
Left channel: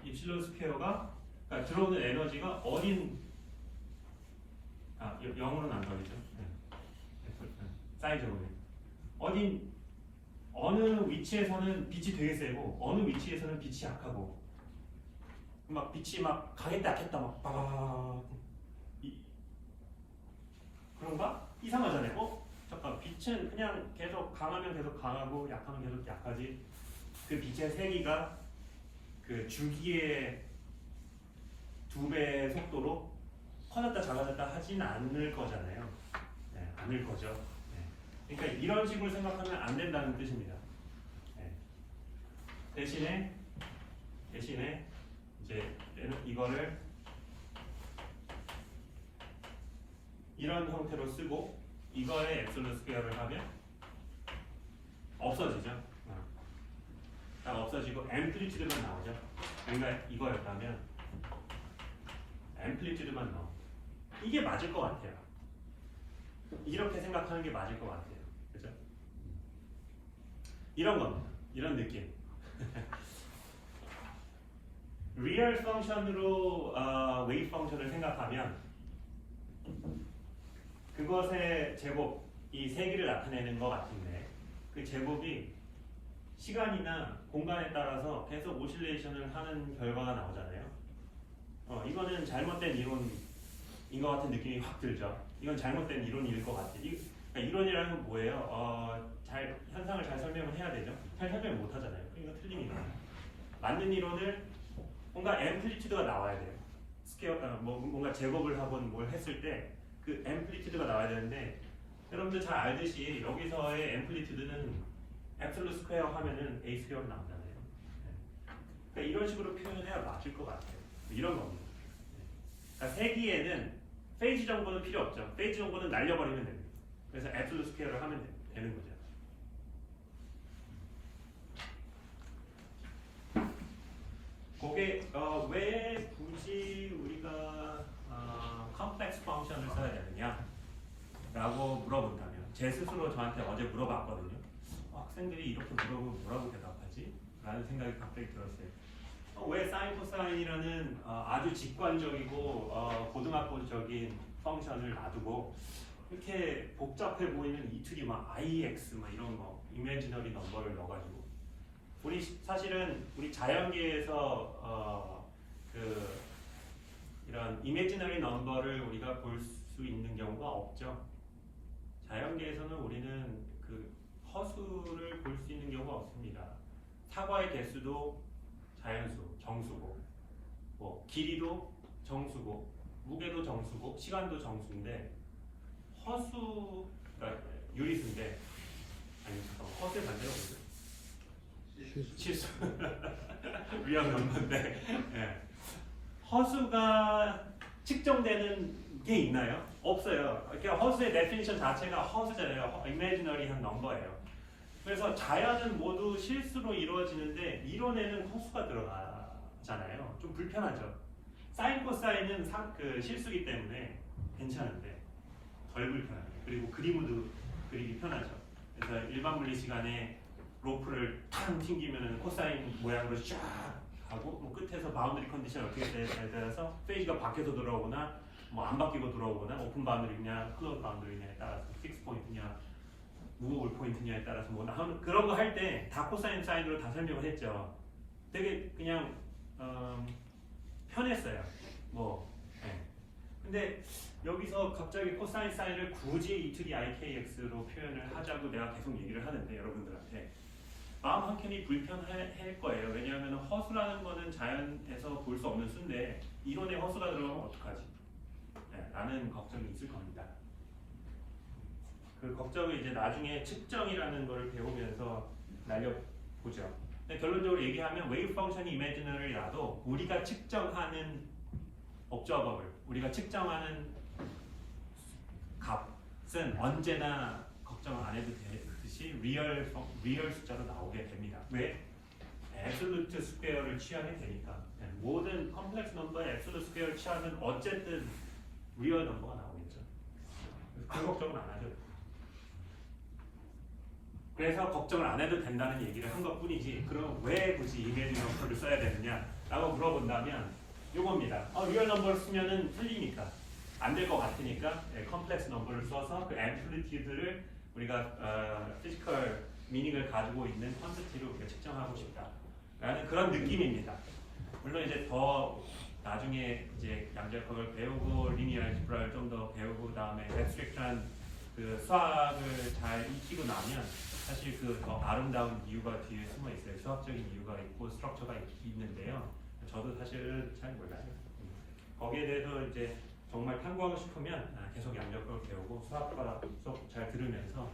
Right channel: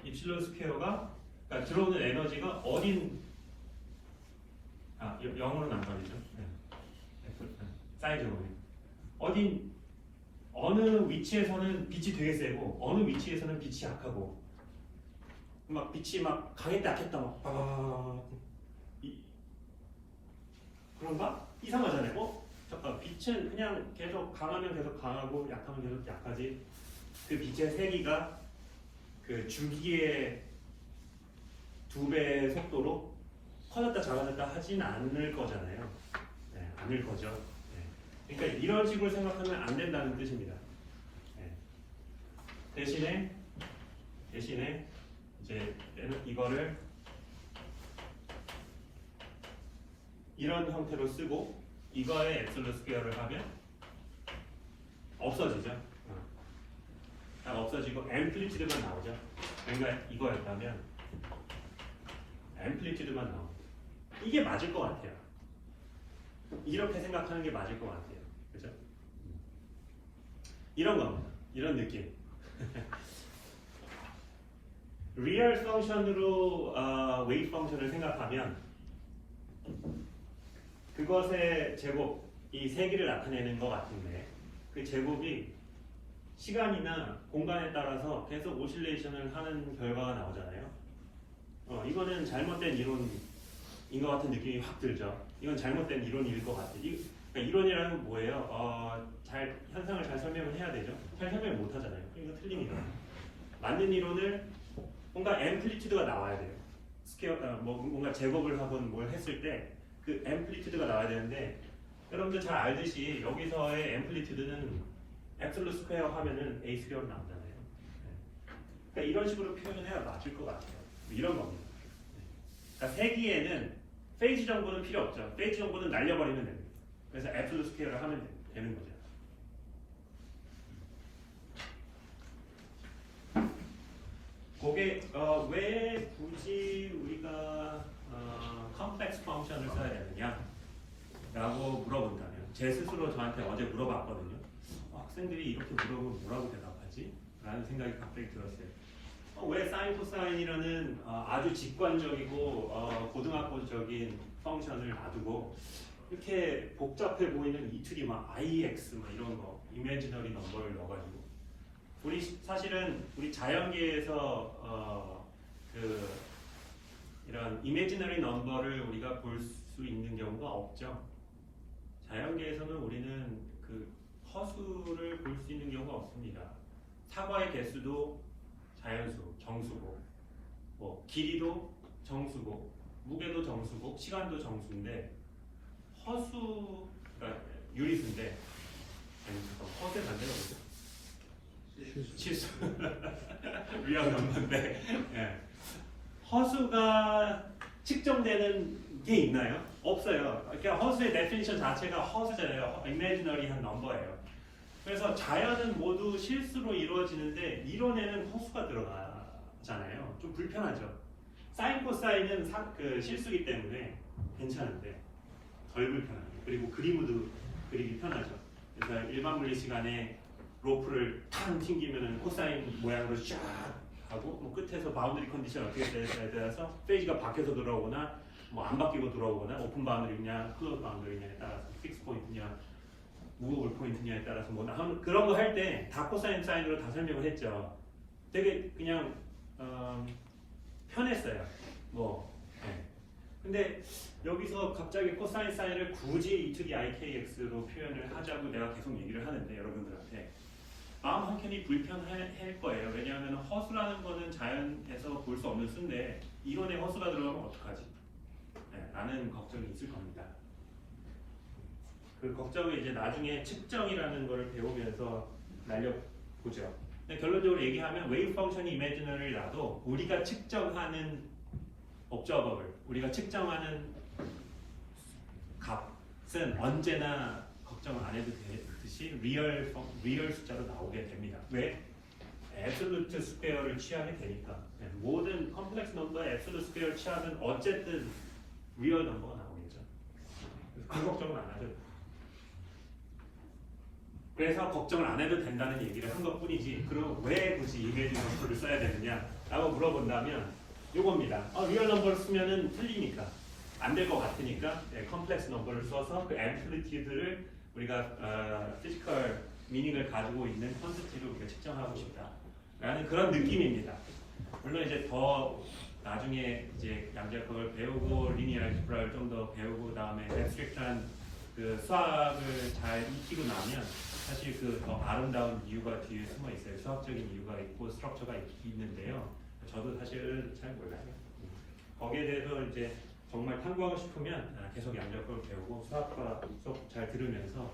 입실론 스퀘어가, 그러니까 들어오는 에너지가 어딘, 영어로는 안 가리죠. 사인 제곱이 어느 위치에서는 빛이 되게 세고 어느 위치에서는 빛이 약하고, 막 빛이 막 강했다 약했다 막 빠바바바바 그런가? 이상하잖아요. 잠깐, 빛은 그냥 계속 강하면 계속 강하고 약하면 계속 약하지, 그 빛의 세기가 그 주기의 2배의 속도로 커졌다 작아졌다 하진 않을 거잖아요. 않을 거죠. 그러니까 이런 식으로 생각하면 안 된다는 뜻입니다. 대신에 이제 이거를 이런 형태로 쓰고 이거에 엡솔룬 스퀘어를 하면 없어지죠. 없어지고 앰플리튜드만 나오죠. 그러니까 이거였다면 앰플리튜드만 나오죠. 이게 맞을 것 같아요. 이렇게 생각하는 게 맞을 것 같아요. 그죠? 이런 겁니다. 이런 느낌. 리얼 펑션으로 웨이브 펑션을 생각하면 그것의 제곱, 이 세기를 나타내는 것 같은데 그 제곱이 시간이나 공간에 따라서 계속 오실레이션을 하는 결과가 나오잖아요. 이거는 잘못된 이론인 것 같은 느낌이 확 들죠. 이건 잘못된 이론일 것 같아요. 그러니까 이론이라는 건 뭐예요? 현상을 잘 설명을 해야 되죠. 잘 설명을 못 하잖아요. 이거 틀리니까. 맞는 이론을 뭔가 앰플리튜드가 나와야 돼요. 뭔가 제곱을 하건 뭘 했을 때 그 앰플리튜드가 나와야 되는데 여러분들 잘 알듯이 여기서의 앰플리튜드는 앱솔루트 스퀘어 하면은 A 스퀘어로 나오잖아요. 그러니까 이런 식으로 표현을 해야 맞을 것 같아요. 이런 겁니다. 그러니까 세기에는 페이지 정보는 필요 없죠. 페이지 정보는 날려버리면 됩니다. 그래서 앱솔루트 스퀘어를 하면 되는 거죠. 그게 왜 굳이 우리가 컴플렉스 펑션을 써야 되느냐 라고 물어본다면 제 스스로 저한테 어제 물어봤거든요. 학생들이 이렇게 물어보면 뭐라고 대답하지? 라는 생각이 갑자기 들었어요. 왜 사인 코사인이라는 아주 직관적이고 고등학교적인 펑션을 놔두고 이렇게 복잡해 보이는 이틀이 막 IX 막 이런 거 이미지너리 넘버를 넣어가지고 우리 사실은 우리 자연계에서 이런 이미지너리 넘버를 우리가 볼 수 있는 경우가 없죠. 자연계에서는 우리는 그 허수를 볼 수 있는 경우가 없습니다. 사과의 개수도 자연수, 정수고, 뭐 길이도 정수고, 무게도 정수고, 시간도 정수인데 허수가 유리수인데 허수의 반대가 뭐죠? 실수. 위안 넘는데 허수가 측정되는 게 있나요? 없어요. 그러니까 허수의 데피니션 자체가 허수잖아요. imaginary 넘버예요. 그래서 자연은 모두 실수로 이루어지는데 이론에는 허수가 들어가잖아요. 좀 불편하죠. 사인 코사인은 실수기 때문에 괜찮은데 덜 불편해요. 그리고 그림도 그리기 편하죠. 그래서 일반 물리 시간에 로프를 탕 튕기면 코사인 모양으로 쫙 하고 뭐 끝에서 바운드리 컨디션 어떻게 되냐에 따라서 페이지가 바뀌어서 들어오거나 뭐 안 바뀌고 들어오거나 오픈 바운드리냐 클로즈 바운드리냐에 따라서 픽스 포인트냐 무브able 포인트냐에 따라서 뭐 그런 거 할 때 다 코사인 사인으로 다 설명을 했죠. 되게 그냥 편했어요. 근데 여기서 갑자기 코사인 사인을 굳이 E2D IKX로 표현을 하자고 내가 계속 얘기를 하는데 여러분들한테 마음 한켠이 불편할 거예요. 왜냐하면 허수라는 거는 자연에서 볼 수 없는 수인데 이론에 허수가 들어가면 어떡하지? 라는 걱정이 있을 겁니다. 그 걱정을 이제 나중에 측정이라는 걸 배우면서 날려보죠. 근데 결론적으로 얘기하면 웨이브 펑션이 이미지너리라도 우리가 측정하는 옵저버블, 우리가 측정하는 값은 언제나 걱정 안 해도 되듯이 리얼 숫자로 나오게 됩니다. 왜? 앱솔루트 스퀘어를 취하게 되니까. 모든 컴플렉스 넘버의 앱솔루트 스퀘어를 취하면 어쨌든 리얼 넘버가 나오겠죠. 그 걱정은 안 하죠. 그래서 걱정을 안 해도 된다는 얘기를 한 것뿐이지 그럼 왜 굳이 이미지 넘버를 써야 되느냐 라고 물어본다면 요겁니다. 리얼 넘버를 쓰면은 틀리니까 안 될 것 같으니까 컴플렉스 넘버를 써서 그 앰플리튜드를 우리가 피지컬 미닝을 가지고 있는 퀀티티로 우리가 측정하고 싶다 라는 그런 느낌입니다. 물론 이제 더 나중에 이제 양자역학을 배우고 리니어 알geb라를 좀 더 배우고 그다음에 앱스트랙트한 그 수학을 잘 익히고 나면 사실 그 더 아름다운 이유가 뒤에 숨어 있어요. 수학적인 이유가 있고 스트럭처가 있는데요. 저도 사실은 잘 몰라요. 거기에 대해서 이제 정말 탐구하고 싶으면 계속 양자역학을 배우고 수학과 수업 잘 들으면서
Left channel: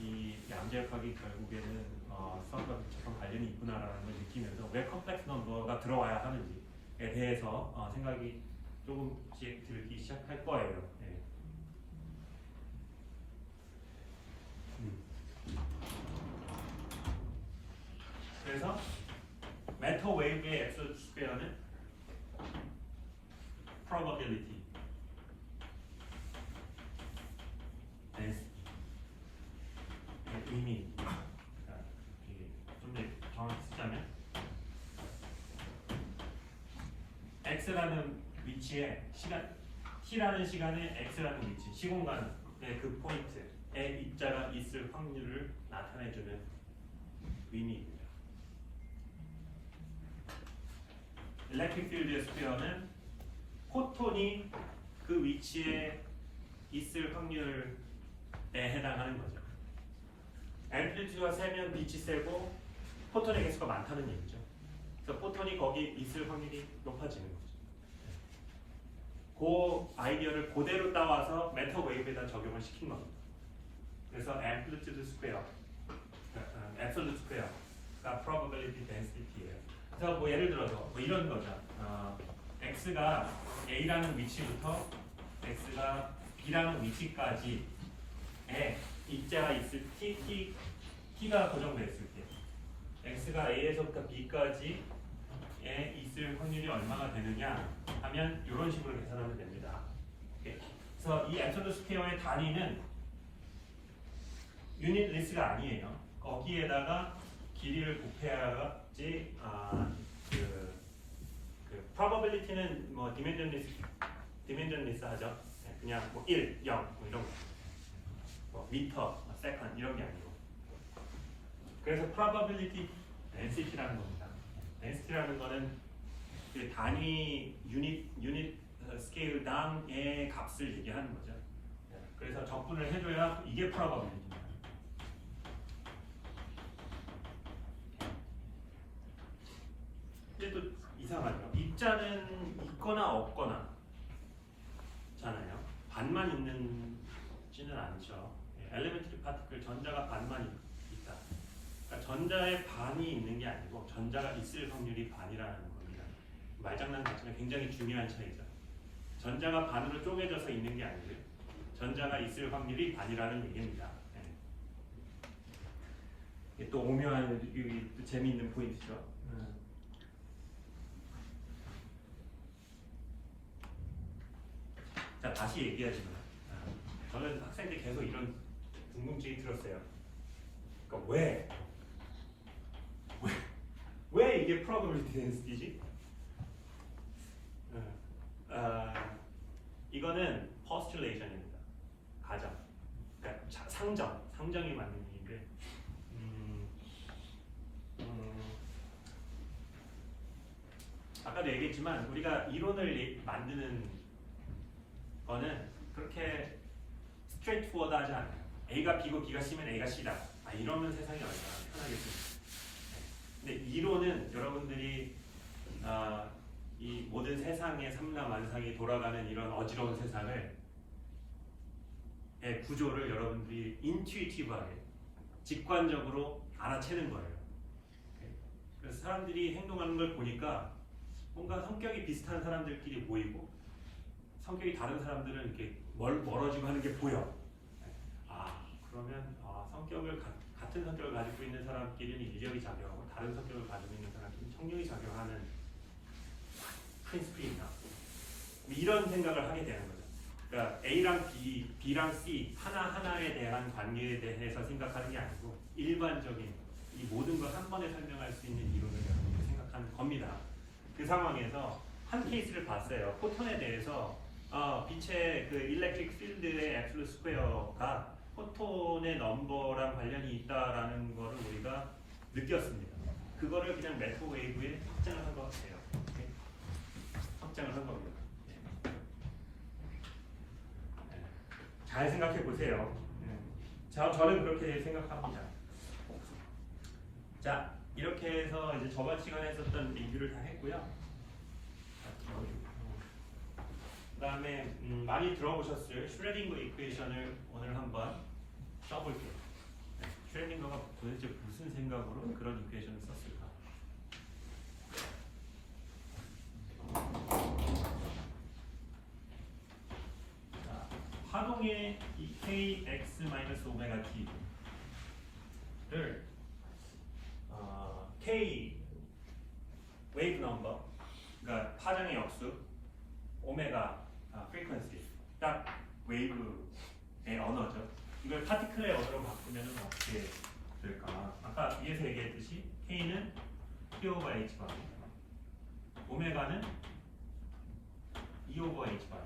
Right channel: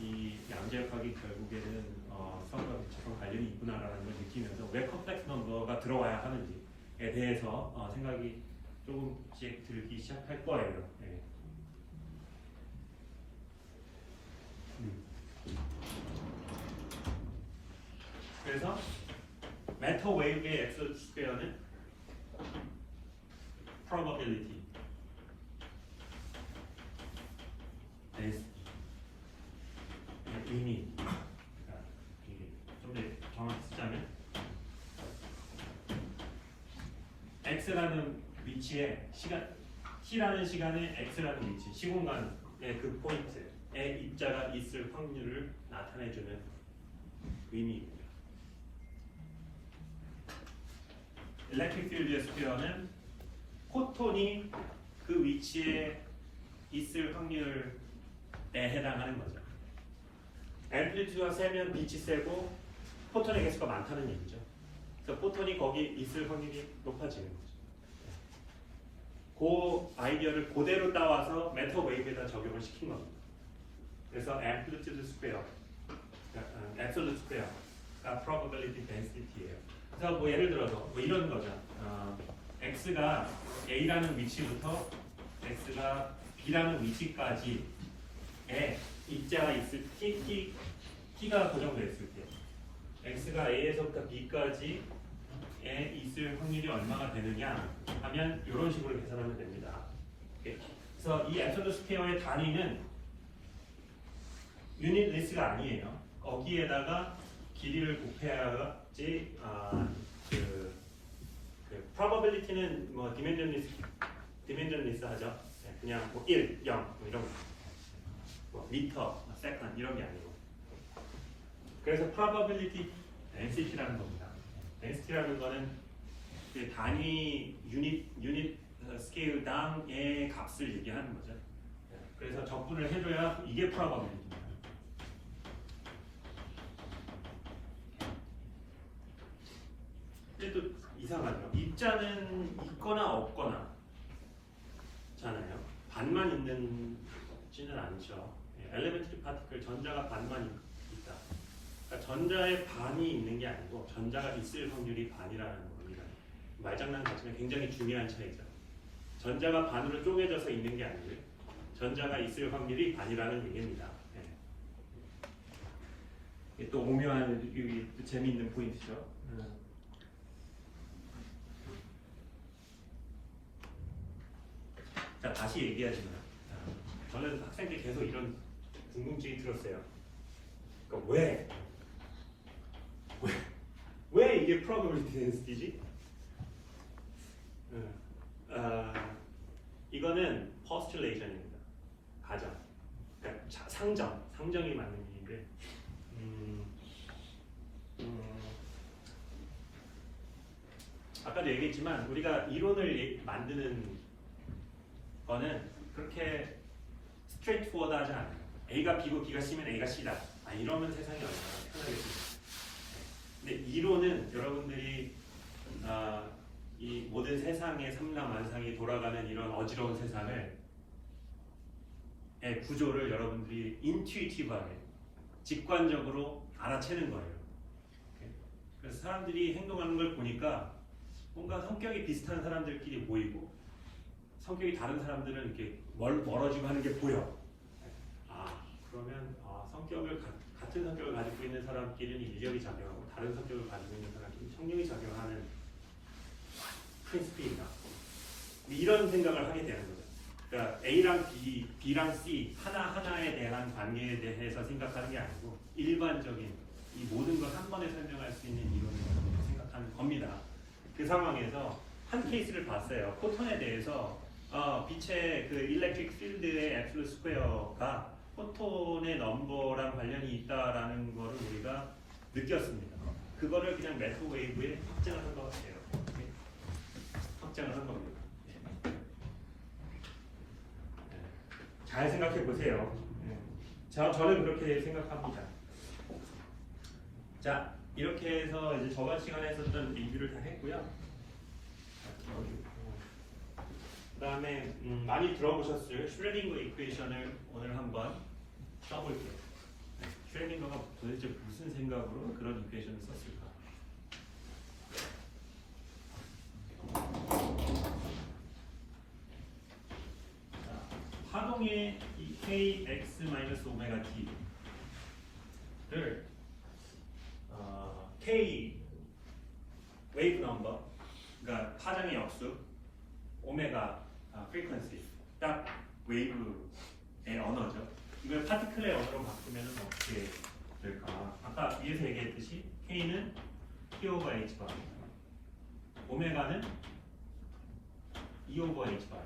이 양자역학이 결국에는 수학과 적극 관련이 있구나라는 걸 느끼면서 왜 컴플렉스 넘버가 들어와야 하는지에 대해서 생각이 조금씩 들기 시작할 거예요. 그래서 메터 웨이브의 앱솔루트 스퀘어는 probability 의미 x라는 위치에 시간 t라는 시간에 x라는 위치 시공간의 그 포인트에 입자가 있을 확률을 나타내주는 의미입니다. 일렉트릭 필드 스퀘어는 포톤이 그 위치에 있을 확률에 해당하는 거죠. 앰플리튜드가 세면 빛이 세고 포톤의 개수가 많다는 얘기죠. 그래서 포톤이 거기 있을 확률이 높아지는 거죠. 그 아이디어를 그대로 따와서 메터 웨이브에다 적용을 시킨 겁니다. 그래서 앰플리튜드 스퀘어, 앱솔루트 스퀘어가 probability density예요. 그래서 뭐 예를 들어서 뭐 이런 거죠. x가 a라는 위치부터 x가 b라는 위치까지의 입자가 있을 t가 고정되어 있을 때 x가 a에서부터 b까지에 있을 확률이 얼마가 되느냐 하면 이런 식으로 계산하면 됩니다. 그래서 이 앱솔루트 스퀘어의 단위는 유닛 리스가 아니에요. 거기에다가 길이를 곱해야지 그 probability는 뭐 디멘전 리스 하죠. 그냥 뭐 1, 0 뭐 이런 거. 뭐 미터, 세컨 이런 게 아니고. 그래서 probability density라는 겁니다. density라는 거는 그 단위 유닛 스케일당의 값을 얘기하는 거죠. 그래서 적분을 해줘야 이게 probability입니다. 근데 또 이상하죠. 입자는 있거나 없거나 잖아요. 반만 있는지는 않죠. 엘리멘트리 파티클 전자가 반만 있다. 그러니까 전자의 반이 있는 게 아니고 전자가 있을 확률이 반이라는 겁니다. 말장난 같지만 굉장히 중요한 차이죠. 전자가 반으로 쪼개져서 있는 게 아니에요. 전자가 있을 확률이 반이라는 얘기입니다. 또 오묘한 또 재미있는 포인트죠. 자, 다시 얘기하지만 저는 학생 때 계속 이런 궁금증이 들었어요. 그러니까 왜 이게 probability density지? 이거는 postulation입니다. 가정, 그러니까 상정이 맞는 얘기인데, 아까도 얘기했지만 우리가 이론을 만드는 거는 그렇게 스트레이트포워드하지 않아요. A가 B고 B가 C면 A가 C다. 이러면 세상이 얼마나 편하겠습니까? 근데 이론은 여러분들이 이 모든 세상의 삼라만상이 돌아가는 이런 어지러운 세상을 구조를 여러분들이 인투이티브하게 직관적으로 알아채는 거예요. 그래서 사람들이 행동하는 걸 보니까 뭔가 성격이 비슷한 사람들끼리 모이고 성격이 다른 사람들은 이렇게 멀어지고 하는 게 보여. 그러면 같은 성격을 가지고 있는 사람끼리는 이력이 작용하고 다른 성격을 가지고 있는 사람끼리는 청력이 작용하는 프린시플이다. 이런 생각을 하게 되는 거죠. 그러니까 A랑 B, B랑 C 하나하나에 대한 관계에 대해서 생각하는 게 아니고 일반적인 이 모든 걸 한 번에 설명할 수 있는 이론을 생각하는 겁니다. 그 상황에서 한 케이스를 봤어요. 포톤에 대해서 빛의 그 일렉트릭 필드의 앱솔루트 스퀘어가 포톤의 넘버랑 관련이 있다라는 거를 우리가 느꼈습니다. 그거를 그냥 메터 웨이브에 확장을 한 것 같아요. 확장을 한 겁니다. 잘 생각해 보세요. 저는 그렇게 생각합니다. 자, 이렇게 해서 이제 저번 시간에 했었던 얘기를 다 했고요. 그 다음에 많이 들어보셨을 슈레딩거 이퀘이션을 오늘 한번 써볼게요. 슈레딩거가 도대체 무슨 생각으로 그런 이퀘이션을 썼을까? 자, 파동의 kx-오메가 t를 k 웨이브 넘버, 그러니까 파장의 역수, 오메가 frequency, 딱 웨이브의 언어죠. 이걸 파티클의 언어로 바꾸면 어떻게 될까? 아까 위에서 얘기했듯이 K는 P/H'가 오메가는 E over H bar.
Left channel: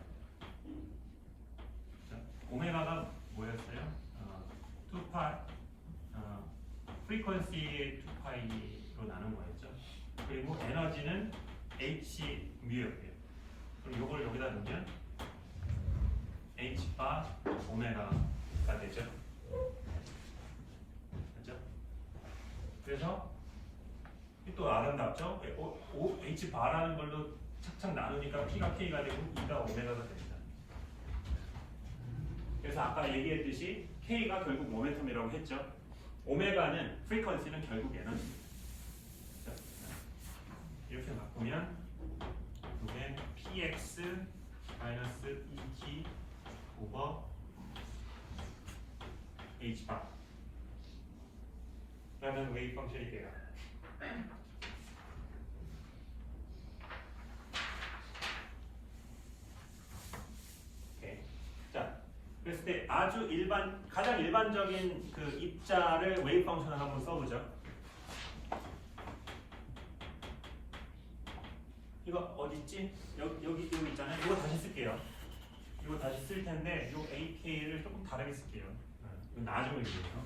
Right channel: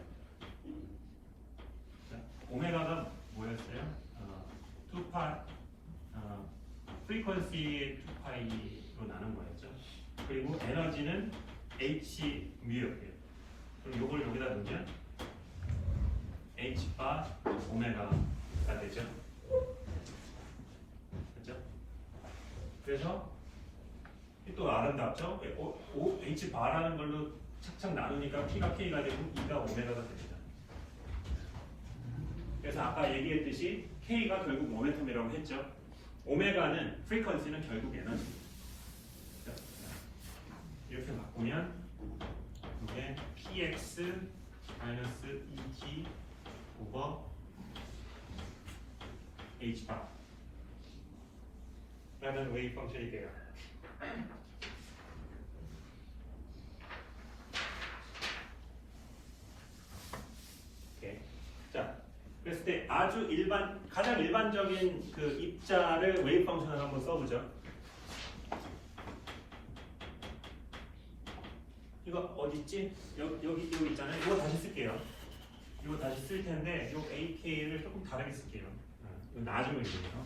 오메가가 뭐였어요? 2파이 프리퀀시의 2파이로 나눈 거였죠. 그리고 에너지는 H 뮤였대요. 그럼 요걸 여기다 넣으면 H 바 오메가가 되죠. 그렇죠? 그래서 또 아름답죠? H 바라는 걸로 착착 나누니까 P가 K가 되고 E가 오메가가 됩니다. 그래서 아까 얘기했듯이 K가 결국 모멘텀이라고 했죠. 오메가는 프리퀀시는 결국 에너지. 이렇게 바꾸면 이게 px 마이너스 2g 오버 h 바 라는 웨이브 펑션이 돼요. 오케이. 자, 그랬을 때 아주 가장 일반적인 그 입자를 웨이브 펑션을 한번 써보죠. 이거 어디 있지? 여기 있잖아요. 이거 다시 쓸게요. 이거 다시 쓸 텐데 이 AK를 조금 다르게 쓸게요. 이거 나중에 있어요.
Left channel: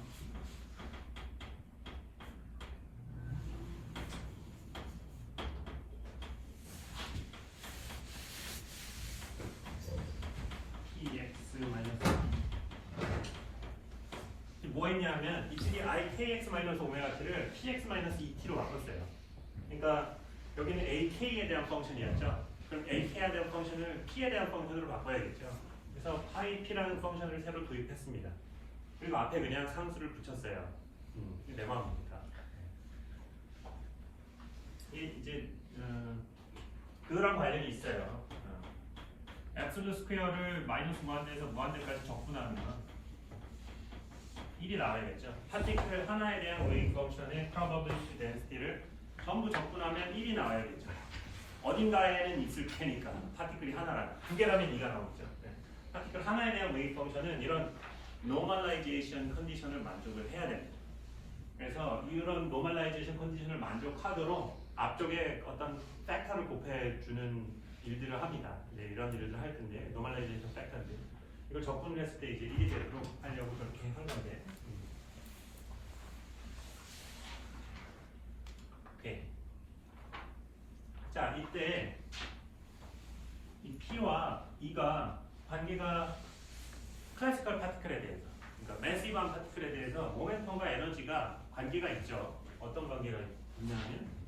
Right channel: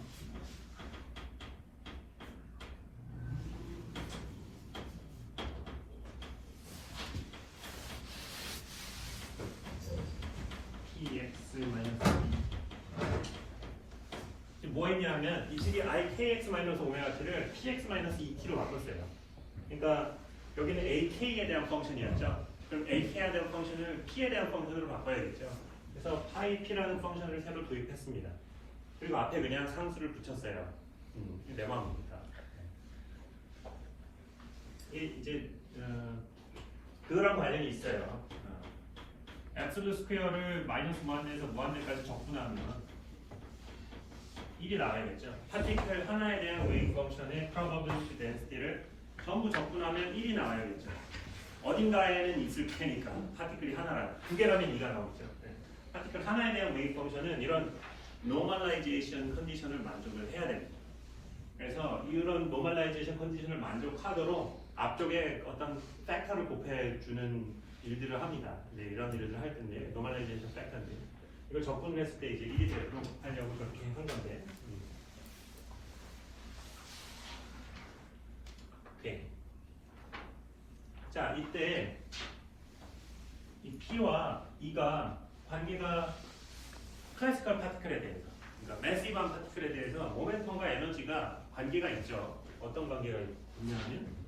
PX 마이너스 뭐 했냐면 이쪽이 IKX 마이너스 오메가 t를 PX 마이너스 ET로 바꿨어요. 그러니까 여기는 AK에 대한 펑션이었죠. 그럼 AK에 대한 펑션을 P에 대한 펑션으로 바꿔야겠죠. 그래서 파이 P라는 펑션을 새로 도입했습니다. 그리고 앞에 그냥 상수를 붙였어요. 내 마음입니다. 이제 그거랑 관련이 있어요. 앱솔루트 스퀘어를 마이너스 무한대에서 무한대까지 적분하면 1이 나와야겠죠. 파티클 하나에 대한 웨이브 펑션의 probability density를 전부 적분하면 1이 나와야겠죠. 어딘가에는 있을 테니까 파티클이 하나라. 두 개라면 2가 나오죠. 파티클 하나에 대한 웨이브 펑션은 이런 노멀라이제이션 컨디션을 만족을 해야 됩니다. 그래서 이런 노멀라이제이션 컨디션을 만족하도록 앞쪽에 어떤 팩터를 곱해주는 일들을 합니다. 이제 이런 일을 할 텐데 노멀라이제이션 팩터들 이걸 적분을 했을 때 이제 1이 되도록 하려고 그렇게 한 건데. 오케이. 자, 이때 이 P와 E가 관계가 클래시컬 파티클에 대해서, 그러니까 매시브한 파티클에 대해서 모멘텀과 에너지가 관계가 있죠. 어떤 관계가 있냐면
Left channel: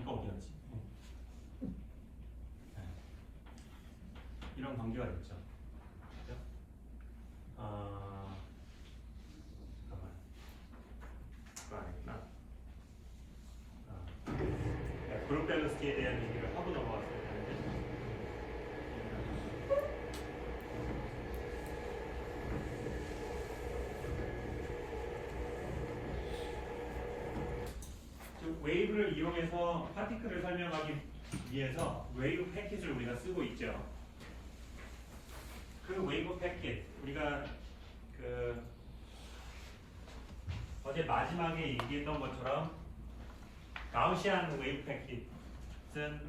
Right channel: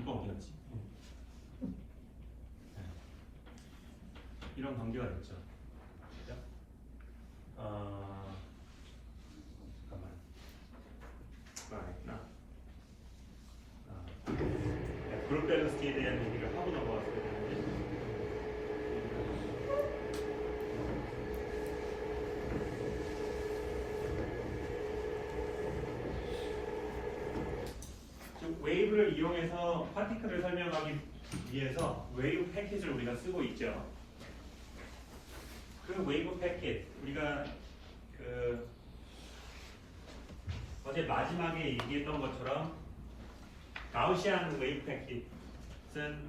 이거 어디였지? 이런 관계가 있죠. 잠깐만. 그룹 밸런스에 대한 얘기를 하고 넘어왔어요. 웨이브를 이용해서 파티클을 설명하기 위해서 웨이브 패킷을 우리가 쓰고 있죠. 그 웨이브 패킷 우리가 그 어제 마지막에 얘기했던 것처럼 가우시안 웨이브 패킷은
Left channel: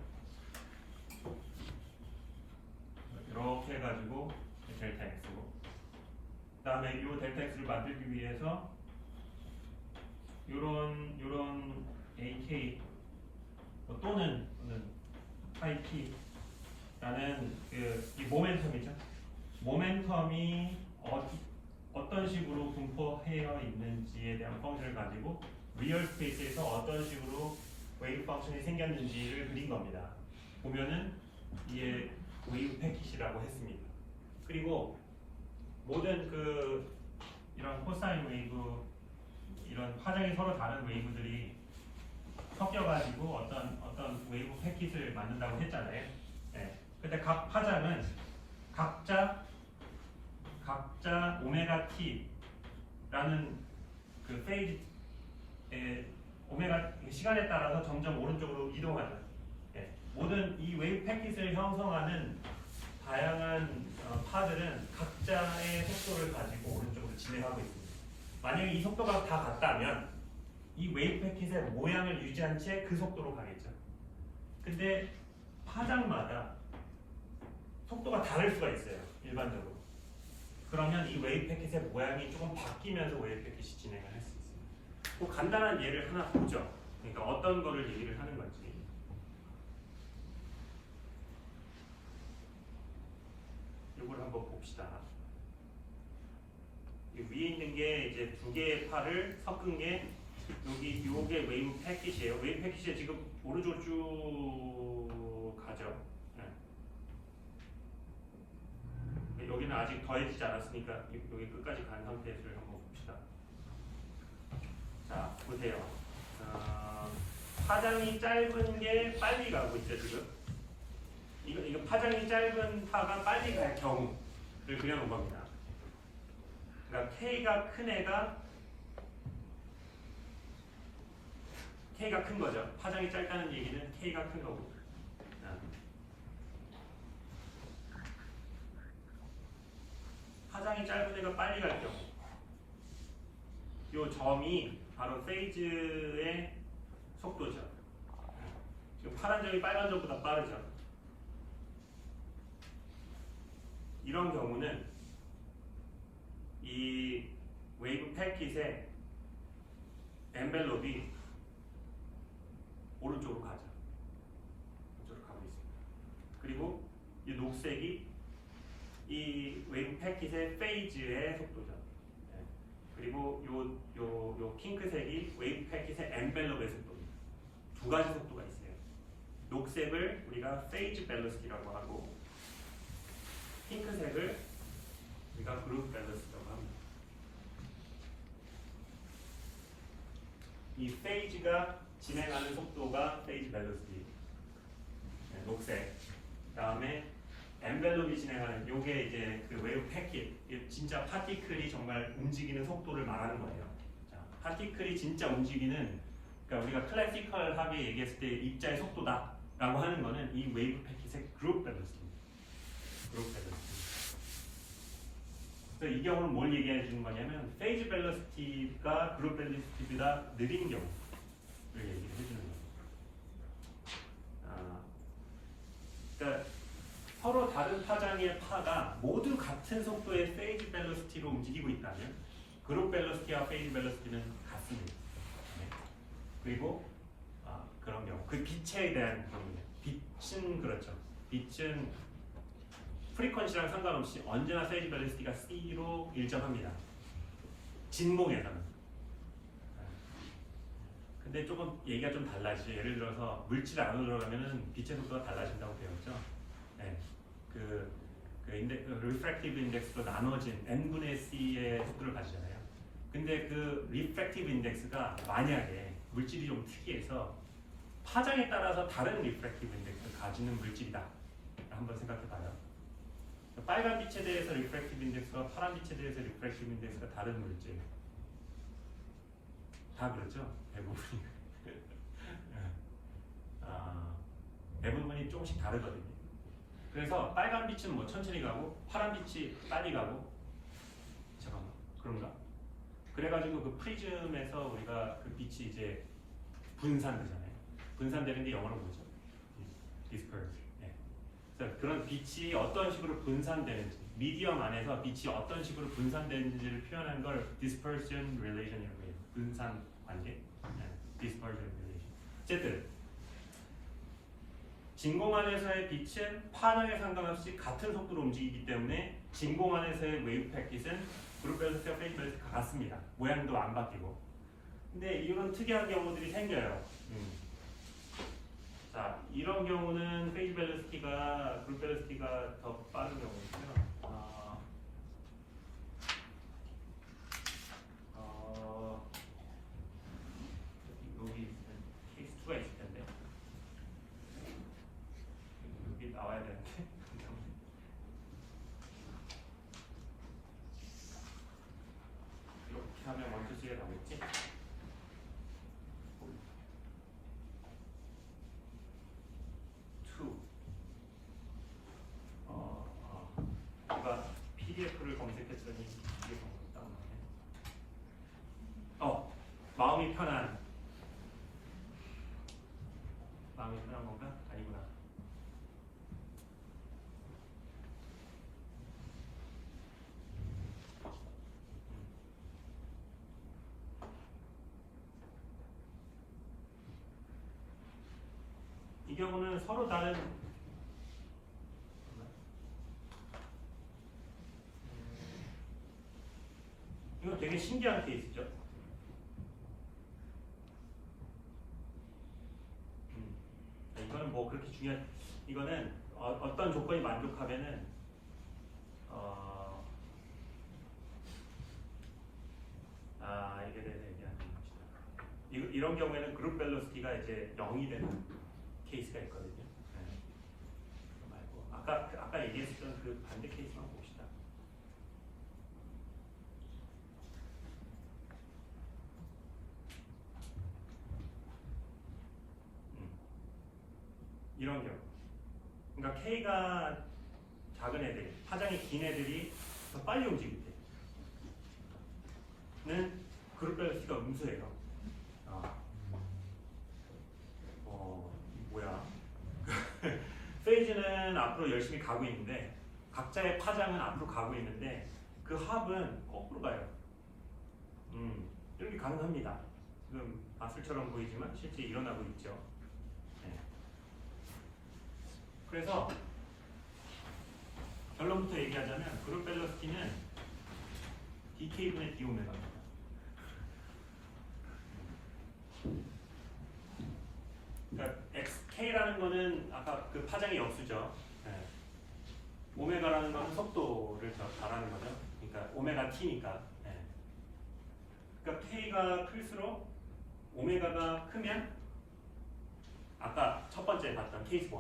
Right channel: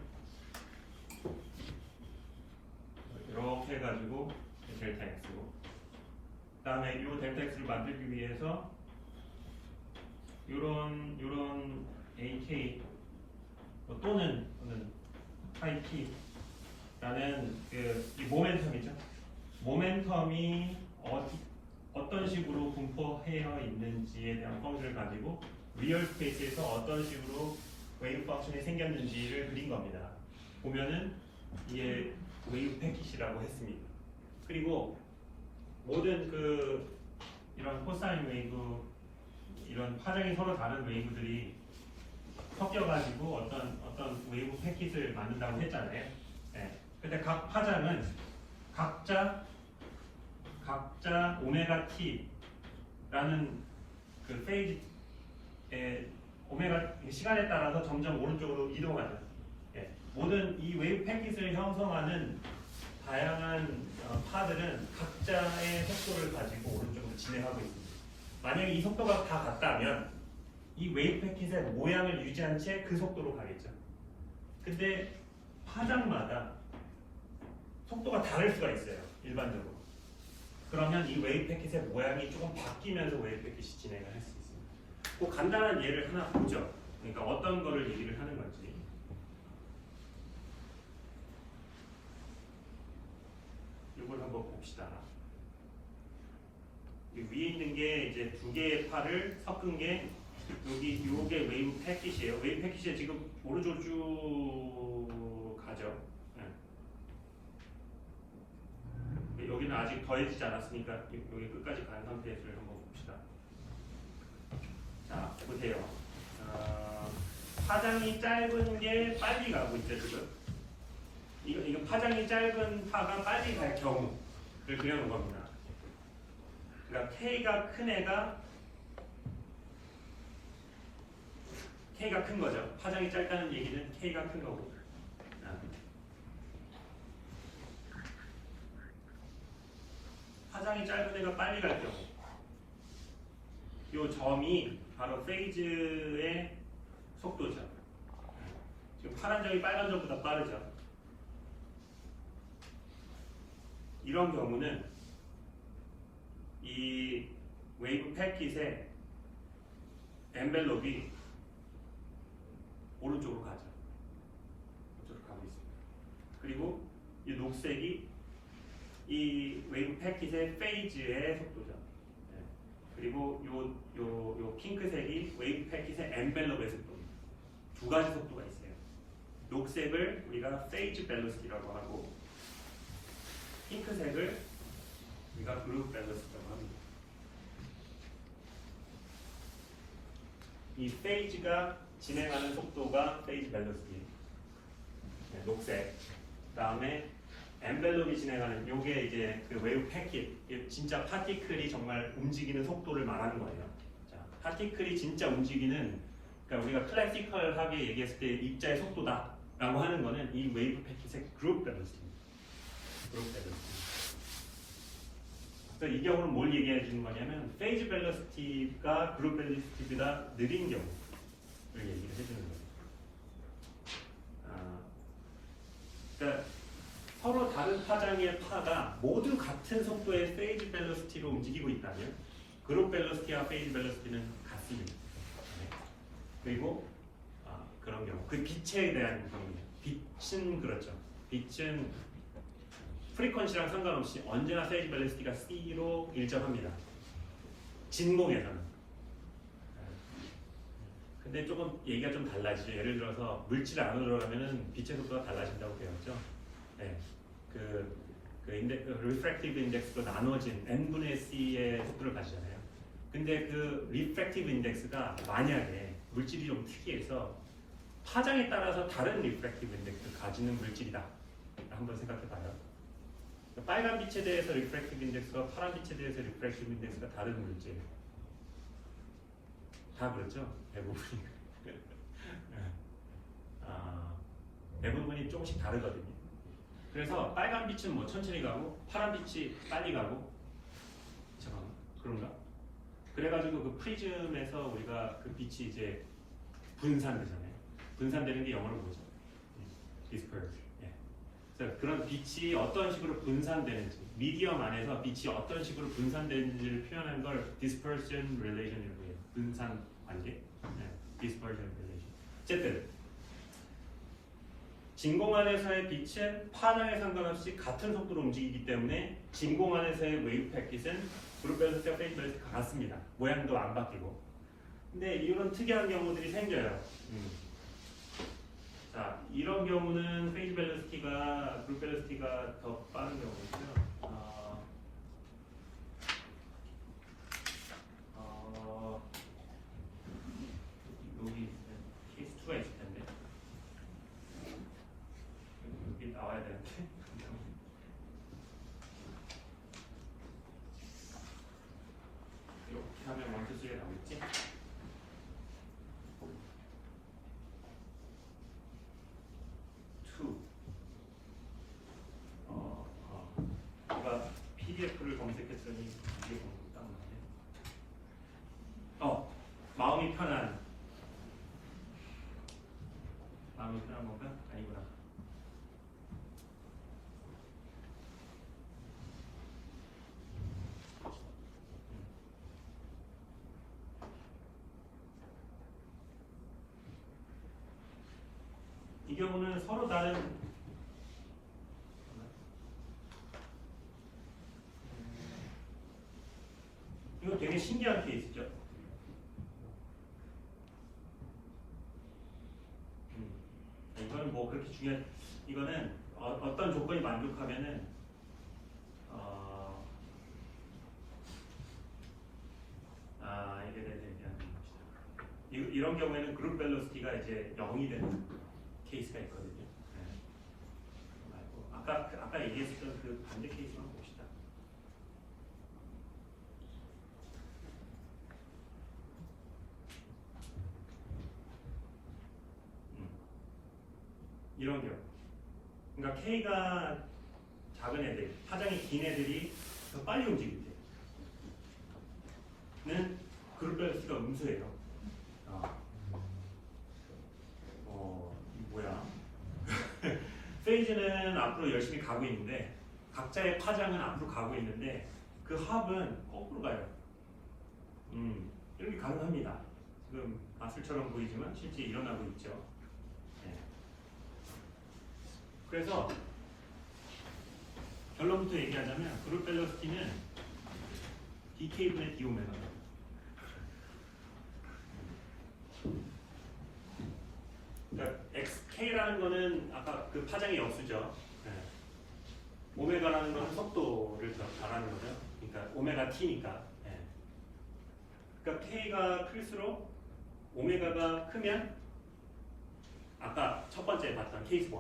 이렇게 해가지고 델타 x고 그 다음에 이 델타 x를 만들기 위해서 요런 AK 또는 파이 T라는 이 모멘텀이죠. 모멘텀이 어떤 식으로 분포되어 있는지에 대한 펑션을 가지고 리얼 스페이스에서 어떤 식으로 웨이브 펑션이 생겼는지를 그린 겁니다. 보면은 이게 웨이브 패킷이라고 했습니다. 그리고 모든 이런 코사인 웨이브 이런 파장이 서로 다른 웨이브들이 섞여가지고 어떤 웨이브 패킷을 만든다고 했잖아요. 네. 근데 각 파장은 각자 오메가 t라는 그 페이지에 오메가 시간에 따라서 점점 오른쪽으로 이동하죠. 네. 모든 이 웨이브 패킷을 형성하는 다양한 파들은 각자의 속도를 가지고 오른쪽으로 진행하고 있습니다. 만약에 이 속도가 다 같다면 이 웨이브 패킷의 모양을 유지한 채 그 속도로 가겠죠. 근데 파장마다 속도가 다를 수가 있어요. 일반적으로. 그러면 이 웨이브 패킷의 모양이 조금 바뀌면서 웨이브 패킷이 진행을 할 수 있습니다. 그 간단한 예를 하나 보죠. 그러니까 어떤 거를 얘기를 하는 건지. 이걸 한번 봅시다. 이 위에 있는 게 이제 두 개의 팔을 섞은 게 여기 요게 웨이브 패킷이에요. 웨이브 패킷이 지금 오른쪽으로 쭉 가죠. 네. 여기는 아직 더해지지 않았으니까 여기 끝까지 가는 상태에서 한번 봅시다. 자, 보세요. 파장이 짧은 게 빨리 가고 있죠, 지금. 이거 파장이 짧은 파가 빨리 갈 경우를 그려놓은 겁니다. 그러니까 K가 큰 애가 K가 큰 거죠. 파장이 짧다는 얘기는 K가 큰 거고. 파장이 짧은 애가 빨리 갈 경우. 이 점이 바로 페이즈의 속도죠. 지금 파란 점이 빨간 점보다 빠르죠. 이런 경우는 이 웨이브 패킷의 엔벨롭이 오른쪽으로 가죠. 오른쪽으로 가고 있습니다. 그리고 이 녹색이 이 웨이브 패킷의 페이즈의 속도죠. 네. 그리고 요 핑크색이 웨이브 패킷의 엔벨롭의 속도입니다. 두 가지 속도가 있어요. 녹색을 우리가 페이즈 밸런스라고 하고 핑크색을 우리가 그룹 밸런스라고 합니다. 이 페이지가 진행하는 속도가 페이지 밸런스. 네, 녹색. 그다음에 엔벨롭이 진행하는 요게 이제 그 웨이브 패킷. 진짜 파티클이 정말 움직이는 속도를 말하는 거예요. 자, 파티클이 진짜 움직이는 그러니까 우리가 클래시컬하게 얘기했을 때 입자의 속도다라고 하는 거는 이 웨이브 패킷의 그룹 밸런스입니다. 그룹 밸런스. 그래서 이 경우는 뭘 얘기해 주는 거냐면 페이즈 벨로시티가 그룹 벨로시티보다 느린 경우를 얘기를 해주는 거예요. 그러니까 서로 다른 파장의 파가 모두 같은 속도의 페이즈 벨로시티로 움직이고 있다면 그룹 벨로시티와 페이즈 벨로시티는 같습니다. 네. 그리고 그런 경우 그 빛에 대한 경우예요. 빛은 그렇죠. 빛은 프리퀀시랑 상관없이 언제나 페이즈 밸런스가 C로 일정합니다. 진공에서는. 근데 조금 얘기가 좀 달라지죠. 예를 들어서 물질 안으로 들어가면은 빛의 속도가 달라진다고 배웠죠. 네. 그 refractive index로 나눠진 n분의 C의 속도를 가지잖아요. 근데 그 refractive index가 만약에 물질이 좀 특이해서 파장에 따라서 다른 refractive index를 가지는 물질이다. 한번 생각해봐요. 빨간 빛에 대해서 리프렉티브 인덱스와 파란 빛에 대해서 리프렉티브 인덱스가 다른 물질. 다 그렇죠? 대부분이. 대부분이 조금씩 다르거든요. 그래서 빨간 빛은 뭐 천천히 가고 파란 빛이 빨리 가고. 잠깐만, 그런가? 그래가지고 그 프리즘에서 우리가 그 빛이 이제 분산되잖아요. 분산되는 게 영어로 뭐죠? disperse. 그런 빛이 어떤 식으로 분산되는지, 미디엄 안에서 빛이 어떤 식으로 분산되는지를 표현한 걸 dispersion relation이라고 해요. 분산 관계. dispersion relation. 어쨌든 진공 안에서의 빛은 파장에 상관없이 같은 속도로 움직이기 때문에 진공 안에서의 웨이브 패킷은 그룹 밸런스와 페이즈 밸런스가 같습니다. 모양도 안 바뀌고. 근데 이런 특이한 경우들이 생겨요. 자, 이런 경우는 페이지 벨로시티가 그룹 벨로시티가 더 빠른 경우고요. 여기 X2가 있을 텐데 여기 나와야 되는데 이렇게 하면 먼저 수에 나오겠지? PDF를 검색했더니 이게 딱 나오네. 마음이 편한 건가? 아니구나. 이 경우는 서로 다른 이거 되게 신기한 케이스죠. 이거는 뭐 그렇게 중요한 이거는 어떤 조건이 만족하면은 이게 대해서 얘기하는 것이다. 이런 경우에는 그룹 벨로시티가 이제 0이 되는 케이스가 있거든요. 네. 아까 얘기했던 그 반대 케이스만 봅시다. 이런 경우. 그러니까 K가 작은 애들, 파장이 긴 애들이 더 빨리 움직일 때는 그룹 밸런스가 음수예요. 뭐야? 페이즈는 앞으로 열심히 가고 있는데 각자의 파장은 앞으로 가고 있는데 그 합은 거꾸로 가요. 이렇게 가능합니다. 지금 마술처럼 보이지만 실제 일어나고 있죠. 네. 그래서 결론부터 얘기하자면 그룹 밸런스티는 dk분의 d오메가입니다. 그러니까 xk라는 거는 아까 그 파장의 역수죠. 네. 오메가라는 건 속도를 말하는 거죠. 그러니까 오메가 t니까. 네. 그러니까 k가 클수록 오메가가 크면 아까 첫 번째 봤던 케이스 1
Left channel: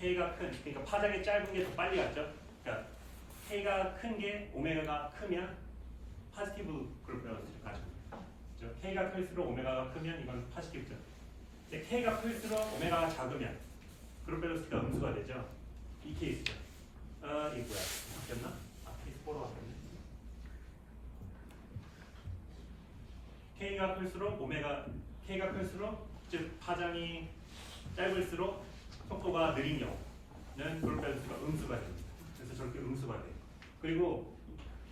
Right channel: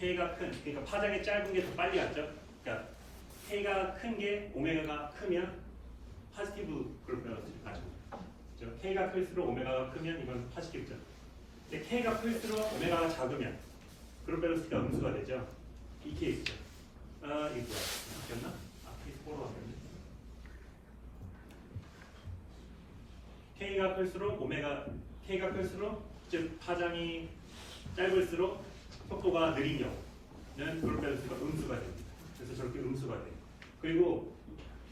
K가 큰, 그러니까 파장이 짧은 게 더 빨리 갔죠. 그러니까 K가 큰 게 오메가가 크면 포지티브 그룹 밸런스 맞습니다. 그렇죠? K가 클수록 오메가가 크면 이건 포지티브죠. 근데 K가 클수록 오메가가 작으면 그룹 밸런스가 음수가 되죠. 이 케이스죠. 이거 뭐야? 바뀌었나? 케이스 4로 왔네. K가 클수록 즉 파장이 짧을수록 속도가 느린 경우는 그룹 밸런스가 음수가 됩니다. 그래서 저렇게 음수가 돼요. 그리고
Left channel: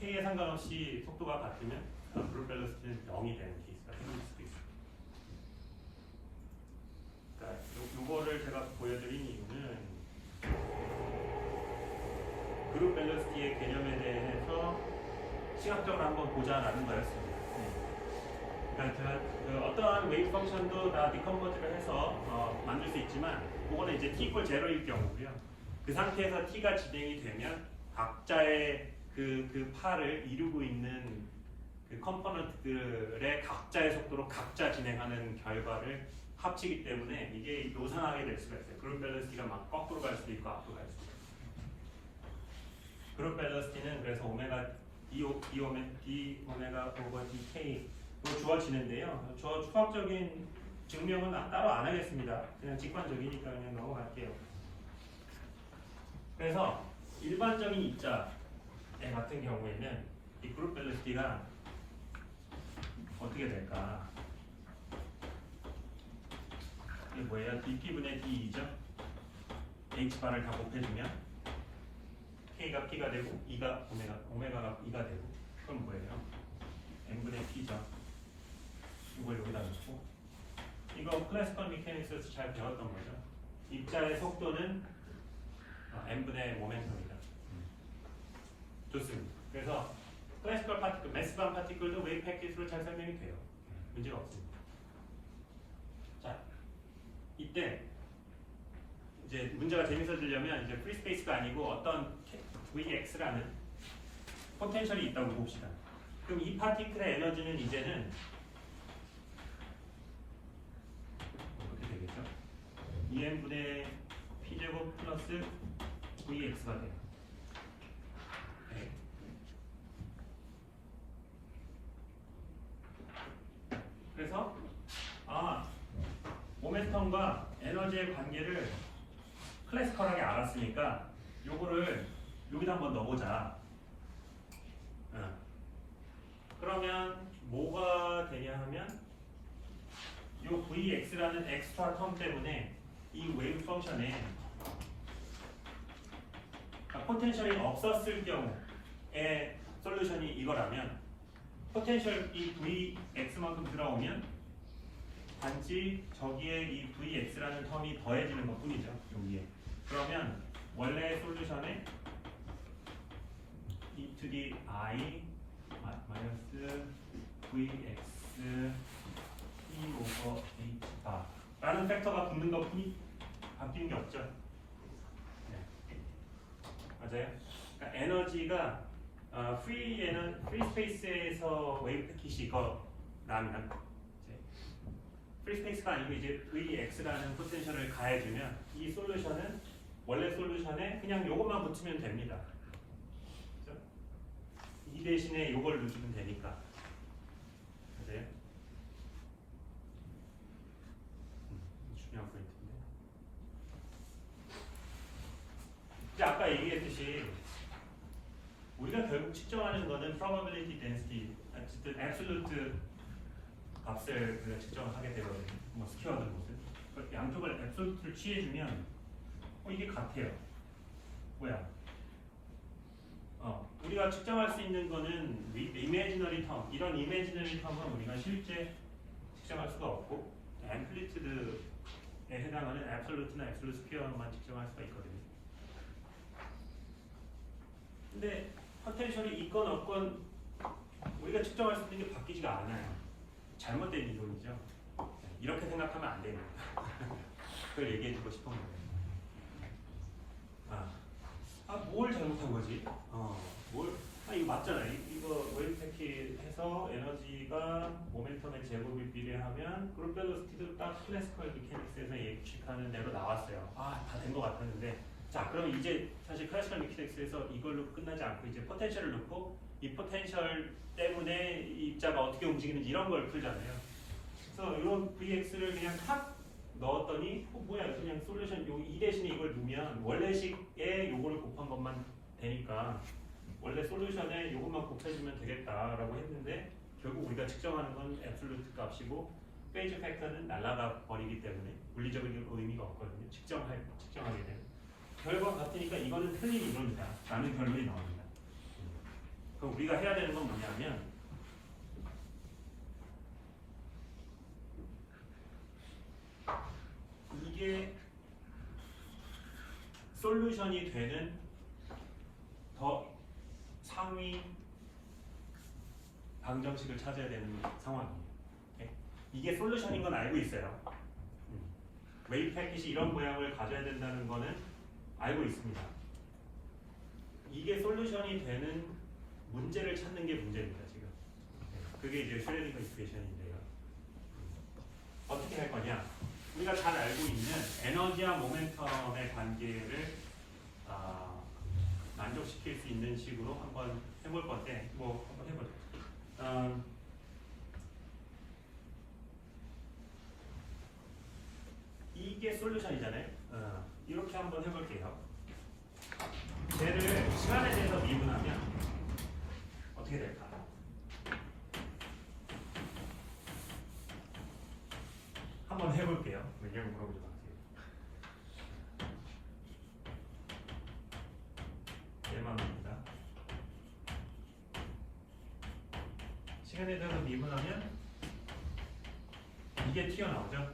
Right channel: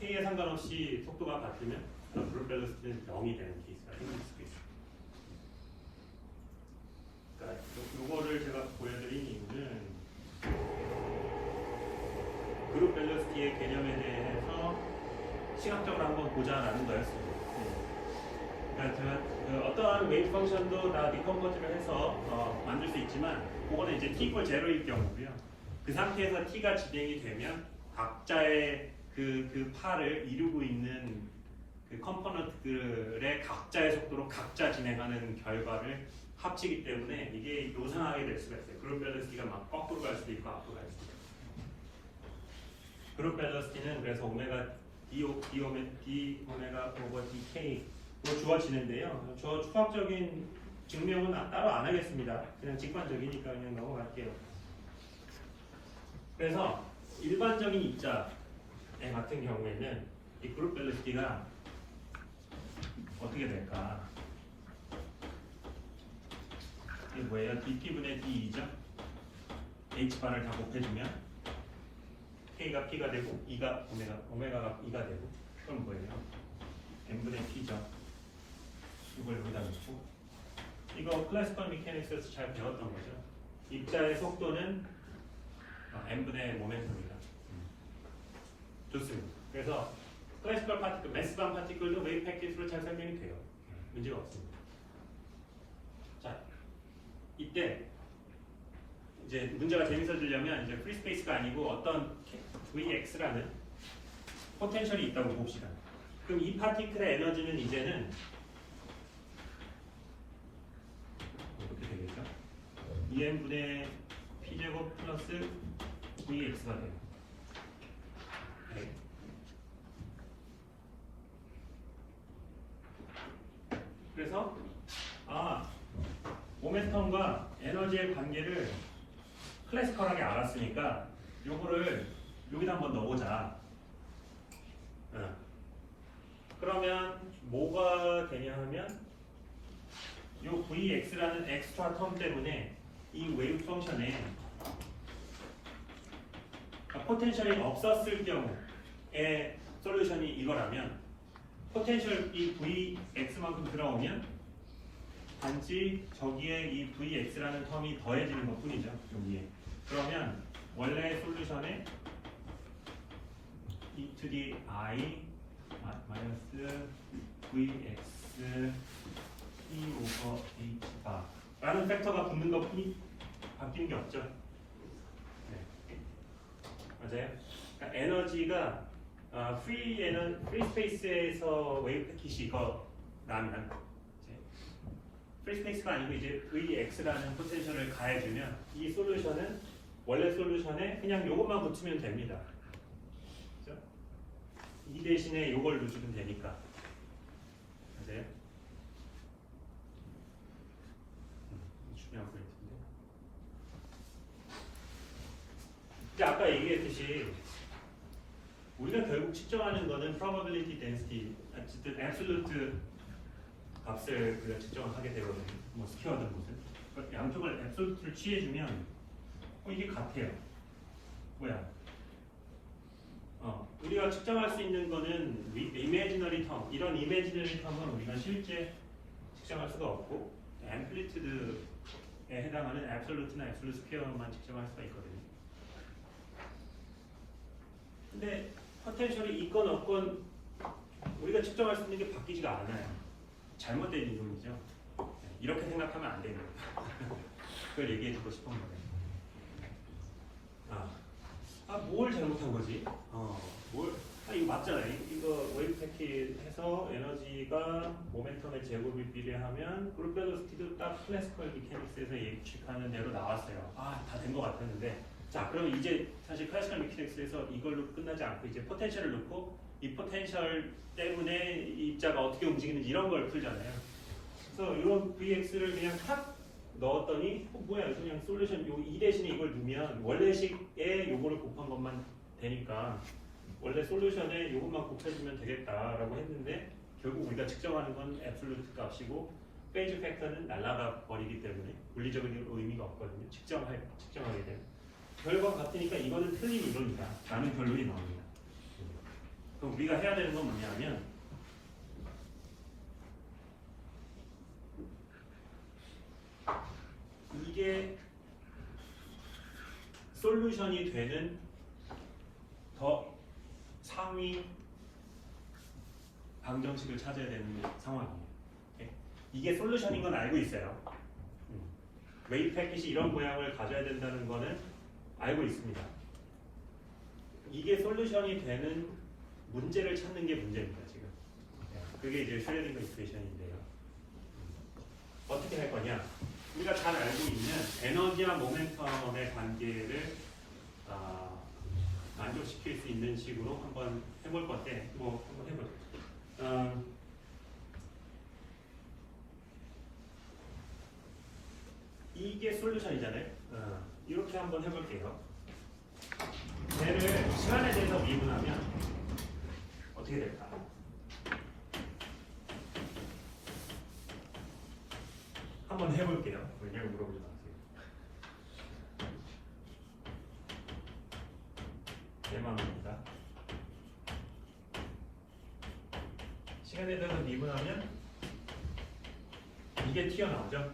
K에 상관없이 속도가 같으면 그룹 밸런스는 0이 되는 케이스가 생길 수도 있습니다. 자, 이거를 제가 보여드린 이유는 그룹 밸런스의 개념에 대해서 시각적으로 한번 보자라는 거였습니다. 그러니까 제가 어떠한 웨이트 펑션도 다 디컴포즈를 해서 만들 수 있지만 그거는 이제 t = 0일 경우고요. 그 상태에서 t가 진행이 되면 각자의 그 파를 이루고 있는 그 컴포넌트들의 각자의 속도로 각자 진행하는 결과를 합치기 때문에 이게 노상하게 될 수가 있어요. 그룹 밸런스티가 막 거꾸로 갈 수도 있고 앞으로 갈 수도 있고. 그룹 밸런스티는 그래서 오메가 d 오메가 오버 dk로 주어지는데요. 저 추가적인 증명은 따로 안 하겠습니다. 그냥 직관적이니까 그냥 넘어갈게요. 그래서 일반적인 입자에 같은 경우에는 이 그룹 밸런스티가 어떻게 될까? 이게 뭐예요? dp분의 d이죠? h바를 다 곱해주면 k가 p가 되고 e가 오메가가 e가 되고 그럼 뭐예요? n분의 p죠. 이걸 여기다 넣고 이거 클래시컬 미케닉스에서 잘 배웠던 거죠. 입자의 속도는 n분의 모멘텀이다. 좋습니다. 그래서 클래시컬 파티클, 매스방 파티클도 웨이브 패킷으로 잘 설명이 돼요. 문제가 없습니다. 자, 이때 이제 문제가 재밌어지려면 이제 프리 스페이스가 아니고 어떤 Vx라는 포텐셜이 있다고 봅시다. 그럼 이 파티클의 에너지는 이제는 어떻게 되겠죠? 2n분의 p제곱 플러스 Vx가 돼요. 네. 그래서 모멘텀과 에너지의 관계를 클래시컬하게 알았으니까 요거를 여기다 한번 넣어보자. 그러면 뭐가 되냐 하면 요 vx라는 엑스트라 텀 때문에 이 웨이브 펑션에 포텐셜이 없었을 경우에 솔루션이 이거라면 포텐셜이 vx만큼 들어오면 단지 저기에 이 vx라는 텀이 더해지는 것 뿐이죠. 여기에. 그러면 원래 솔루션에 e to the I 마이너스 vx e over h 바 라는 팩터가 붙는 것 뿐이 바뀐 게 없죠. 네. 맞아요. 그러니까 에너지가 프리 스페이스에서 웨이브 패킷이 이거 나면 프리 스페이스가 아니고 이제 vx라는 포텐셜을 가해주면 이 솔루션은 원래 솔루션에 그냥 요것만 붙이면 됩니다. 그렇죠? 이 대신에 요걸 넣으시면 되니까. 맞아요? 중요한 포인트인데. 근데 아까 얘기했듯이 우리가 결국 측정하는 거는 probability density, 어쨌든 absolute 값을 우리가 측정하게 되거든요. 뭐 스퀘어든 무슨. 양쪽을 absolute를 취해주면 이게 같아요. 뭐야? 우리가 측정할 수 있는 거는 imaginary term, 이런 imaginary term은 우리가 실제 측정할 수가 없고 amplitude에 해당하는 absolute나 absolute square만 측정할 수가 있거든요. 근데 포텐셜이 있건 없건 우리가 측정할 수 있는 게 바뀌지가 않아요. 잘못된 이론이죠. 이렇게 생각하면 안 돼요. 그걸 얘기해 주고 싶은 거예요. 뭘 잘못한 거지? 이거 맞잖아요. 이거 웨이브 패킷 해서 에너지가 모멘텀의 제곱에 비례하면 그룹 벨로시티도 딱 클래시컬 미케닉스에서 예측하는 대로 나왔어요. 다 된 것 같았는데. 자, 그럼 이제 사실 클래시컬 미케닉스에서 이걸로 끝나지 않고 이제 포텐셜을 넣고 이 포텐셜 때문에 이 입자가 어떻게 움직이는지 이런 걸 풀잖아요. 그래서 이런 Vx를 그냥 탁 넣었더니 뭐야 그냥 솔루션 이 대신에 이걸 넣으면 원래식에 요거를 곱한 것만 되니까 원래 솔루션에 요것만 곱해주면 되겠다라고 했는데 결국 우리가 측정하는 건 앱솔루트 값이고 페이지 팩터는 날아가 버리기 때문에 물리적인 의미가 없거든요. 측정하게 되면 결과가 같으니까 이거는 틀린 이론이다 라는 결론이 나옵니다. 그럼 우리가 해야 되는 건 뭐냐면 이게 솔루션이 되는 더 상위 방정식을 찾아야 되는 상황입니다. 이게 솔루션인 건 알고 있어요. 웨이브 패킷이 이런 모양을 가져야 된다는 거는 알고 있습니다. 이게 솔루션이 되는 문제를 찾는 게 문제입니다. 지금 그게 이제 슈레딩거 이쿠에이션인데요. 어떻게 할 거냐? 우리가 잘 알고 있는 에너지와 모멘텀의 관계를 만족시킬 수 있는 식으로 한번 해볼 건데, 뭐 한번 해보죠. 이게 솔루션이잖아요. 이렇게 한번 해볼게요. 얘를 시간에 대해서 미분하면 어떻게 될까? 한번 해볼게요. 왜냐면 물어보지 마세요. 내 마음입니다. 시간에 대해서 미분하면 이게 튀어나오죠.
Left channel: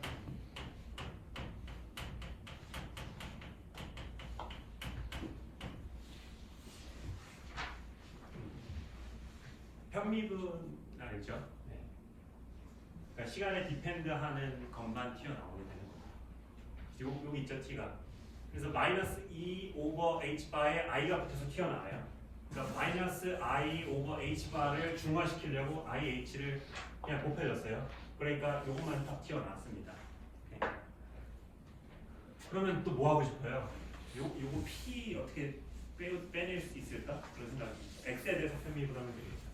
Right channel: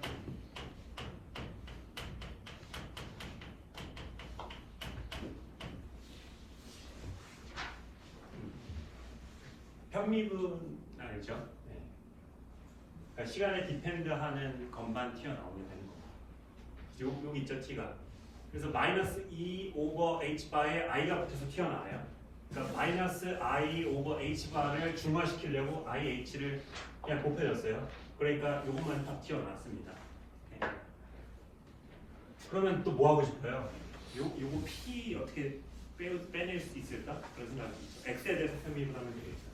편미분 알죠? 네. 그러니까 시간에 디펜드하는 것만 튀어나오면 되는 거고. 여기 있죠, t가. 그래서 마이너스 E 오버 h 바에 i가 붙어서 튀어나와요. 그러니까 마이너스 i 오버 h 바를 중화시키려고 ih를 그냥 곱해줬어요. 그러니까 요것만 딱 튀어나왔습니다. 네. 그러면 또 뭐 하고 싶어요? 요거 p 어떻게 빼낼 수 있을까? 그런 생각이 있죠. x에 대해서 편미분하면 되겠죠.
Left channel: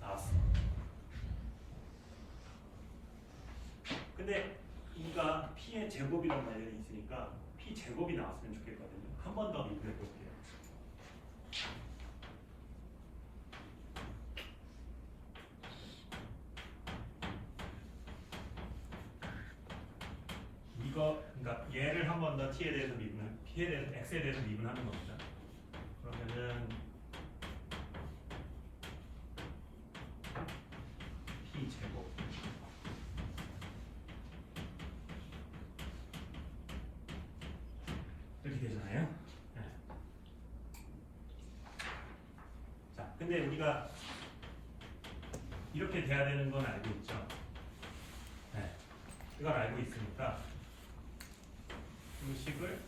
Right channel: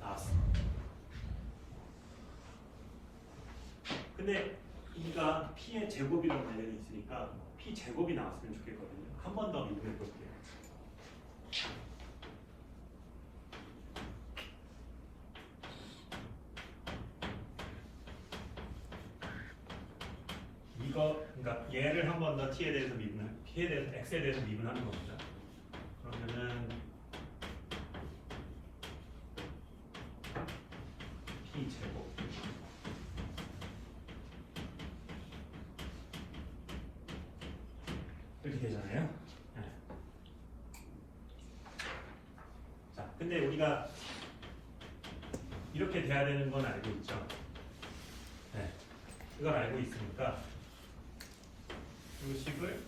나왔어. 근데 이가 p의 제곱이라고 관련이 있으니까 p 제곱이 나왔으면 좋겠거든요. 한 번 더 미분해 볼게요. 이거 그러니까 얘를 한 번 더 t에 대해서 미분을 p에 대해서 x에 대해서 미분하는 겁니다. 그러면은 p 제곱 이렇게 되잖아요. 네. 자, 근데 우리가 이렇게 돼야 되는 건 알고 있죠. 네. 그걸 알고 있으니까 이 식을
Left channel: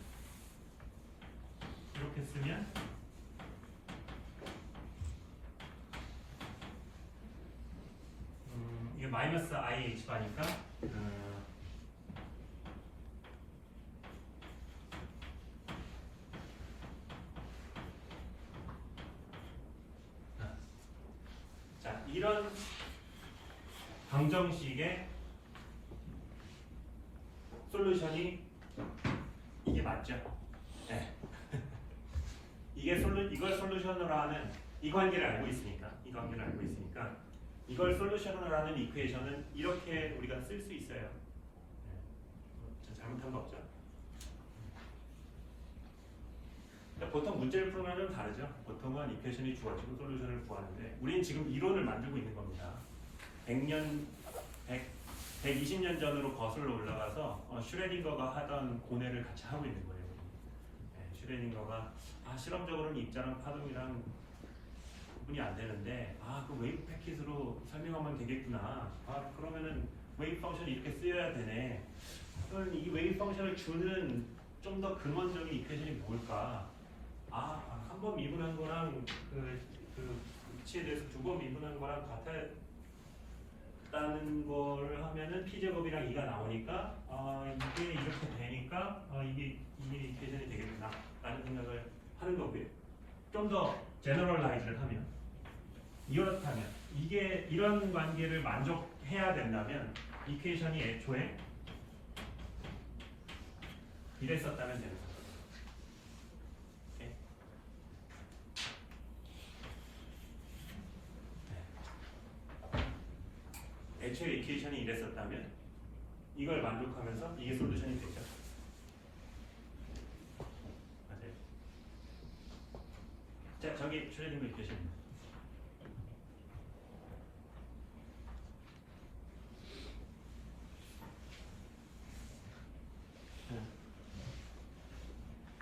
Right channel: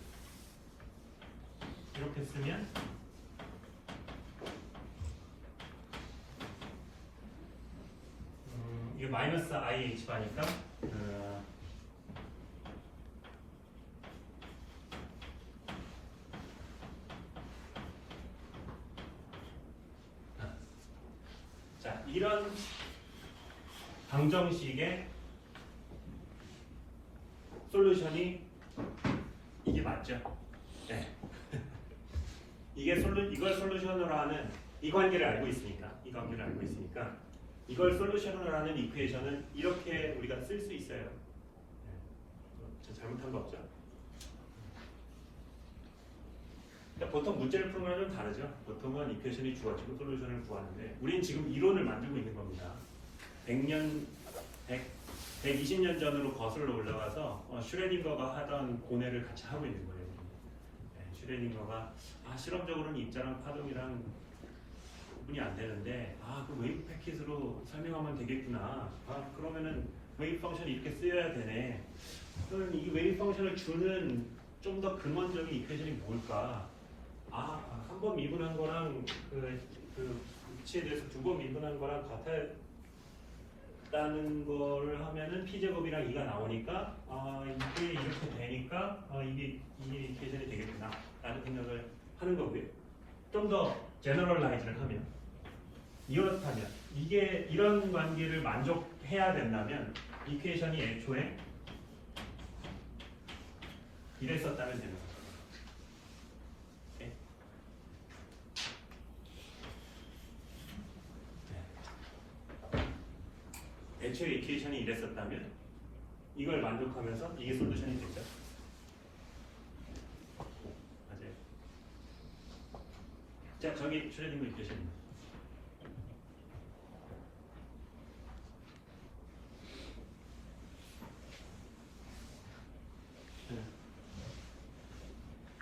이렇게 쓰면 이게 마이너스 IH 바니까 자, 이런 방정식의 솔루션이 이게 맞죠? 네. 이걸 솔루션으로 하는 이 관계를 알고 있으니까 이걸 솔루션으로 하는 이퀘이션은 이렇게 우리가 쓸 수 있어요. 네. 잘못한 거 없죠? 그러니까 보통 문제를 풀면 좀 다르죠. 보통은 이퀘이션이 주어지고 솔루션을 구하는데 우린 지금 이론을 만들고 있는 겁니다. 120년 전으로 거슬러 올라가서 슈레딩거가 하던 고뇌를 같이 하고 있는 거예요. 네, 슈레딩거가 실험적으로는 입자랑 파동이랑 구분이 안 되는데 그 웨이브 패킷으로 설명하면 되겠구나. 그러면은 웨이브 펑션이 이렇게 쓰여야 되네. 그러면 이 웨이브 펑션을 주는 좀 더 근원적인 이퀘이션이 뭘까? 한 번 미분한 거랑 그 위치에 대해서 두 번 미분한 거랑 같다는 거를 하면은 p제곱이랑 2가 나오니까 이게 이렇게 되니까 이게 이퀘이션이 되겠구나 라는 생각을 하는 거고요. 좀 더 제너럴라이즈를 하면 이렇다면 이게 이런 관계를 만족해야 된다면 이퀘이션이 애초에 이랬었다면 되는 거죠. 애초에 이퀘이션이 이랬었다면 이걸 만족하면서 이게 솔루션이 되죠. 맞아요. 자, 저기 슈레딩거 이퀘이션입니다.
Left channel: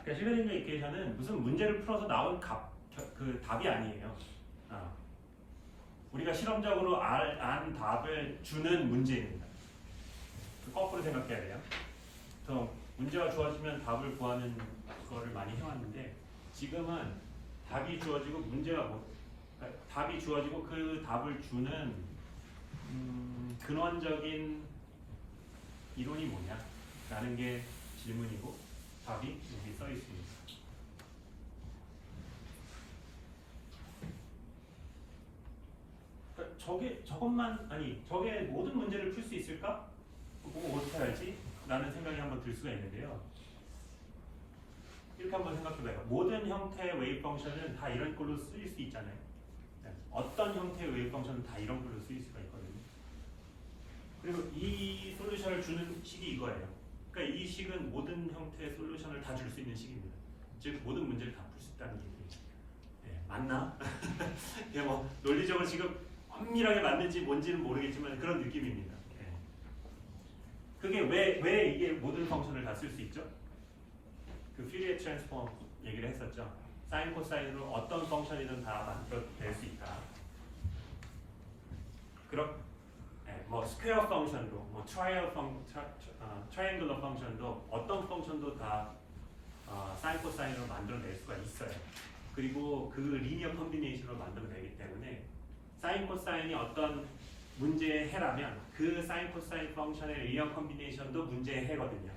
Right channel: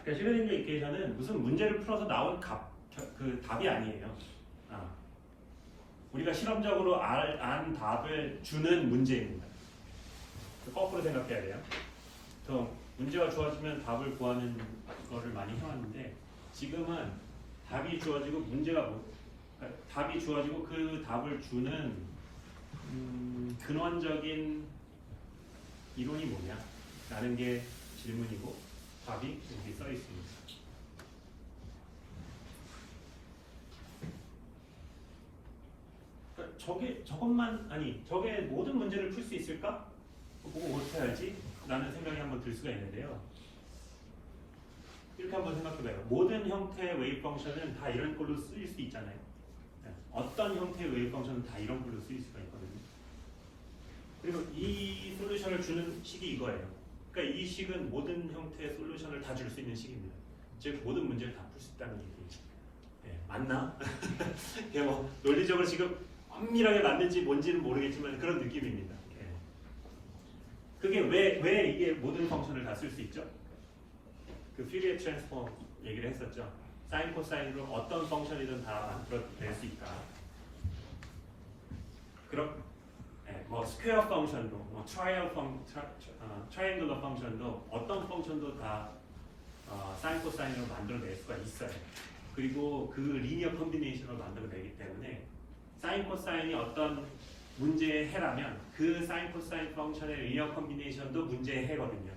그러니까 슈레딩거 이퀘이션은 무슨 문제를 풀어서 나온 답이 아니에요. 우리가 실험적으로 안 답을 주는 문제입니다. 거꾸로 생각해야 돼요. 문제가 주어지면 답을 구하는 거를 많이 해왔는데 지금은 답이 주어지고 답이 주어지고 그 답을 주는 근원적인 이론이 뭐냐? 라는 게 질문이고 답이 여기 써 있습니다. 저게 모든 문제를 풀 수 있을까? 보고 어떻게 알지? 라는 생각이 한번 들 수가 있는데요. 이렇게 한번 생각해봐요. 모든 형태의 웨이브 펑션은 다 이런 걸로 쓰일 수 있잖아요. 어떤 형태의 웨이브 펑션은 다 이런 걸로 쓰일 수가 있거든요. 그리고 이 솔루션을 주는 식이 이거예요. 그러니까 이 식은 모든 형태의 솔루션을 다 줄 수 있는 식입니다. 즉 모든 문제를 다 풀 수 있다는 얘기예요. 맞나? 이게 논리적으로 지금 엄밀하게 맞는지 뭔지는 모르겠지만 그런 느낌입니다. 그게 왜 이게 모든 펑션을 다 쓸 수 있죠? 그 퓨리에 트랜스폼 얘기를 했었죠. 사인 코사인으로 어떤 펑션이든 다 만들어낼 수 있다. 스퀘어 펑션도, 트라이앵글러 펑션도 어떤 펑션도 다 사인 코사인으로 만들어낼 수가 있어요. 그리고 그 리니어 콤비네이션으로 만들어내기 때문에 사인 코사인이 어떤 문제의 해라면 그 사인 코사인 펑션의 리니어 콤비네이션도 문제의 해거든요.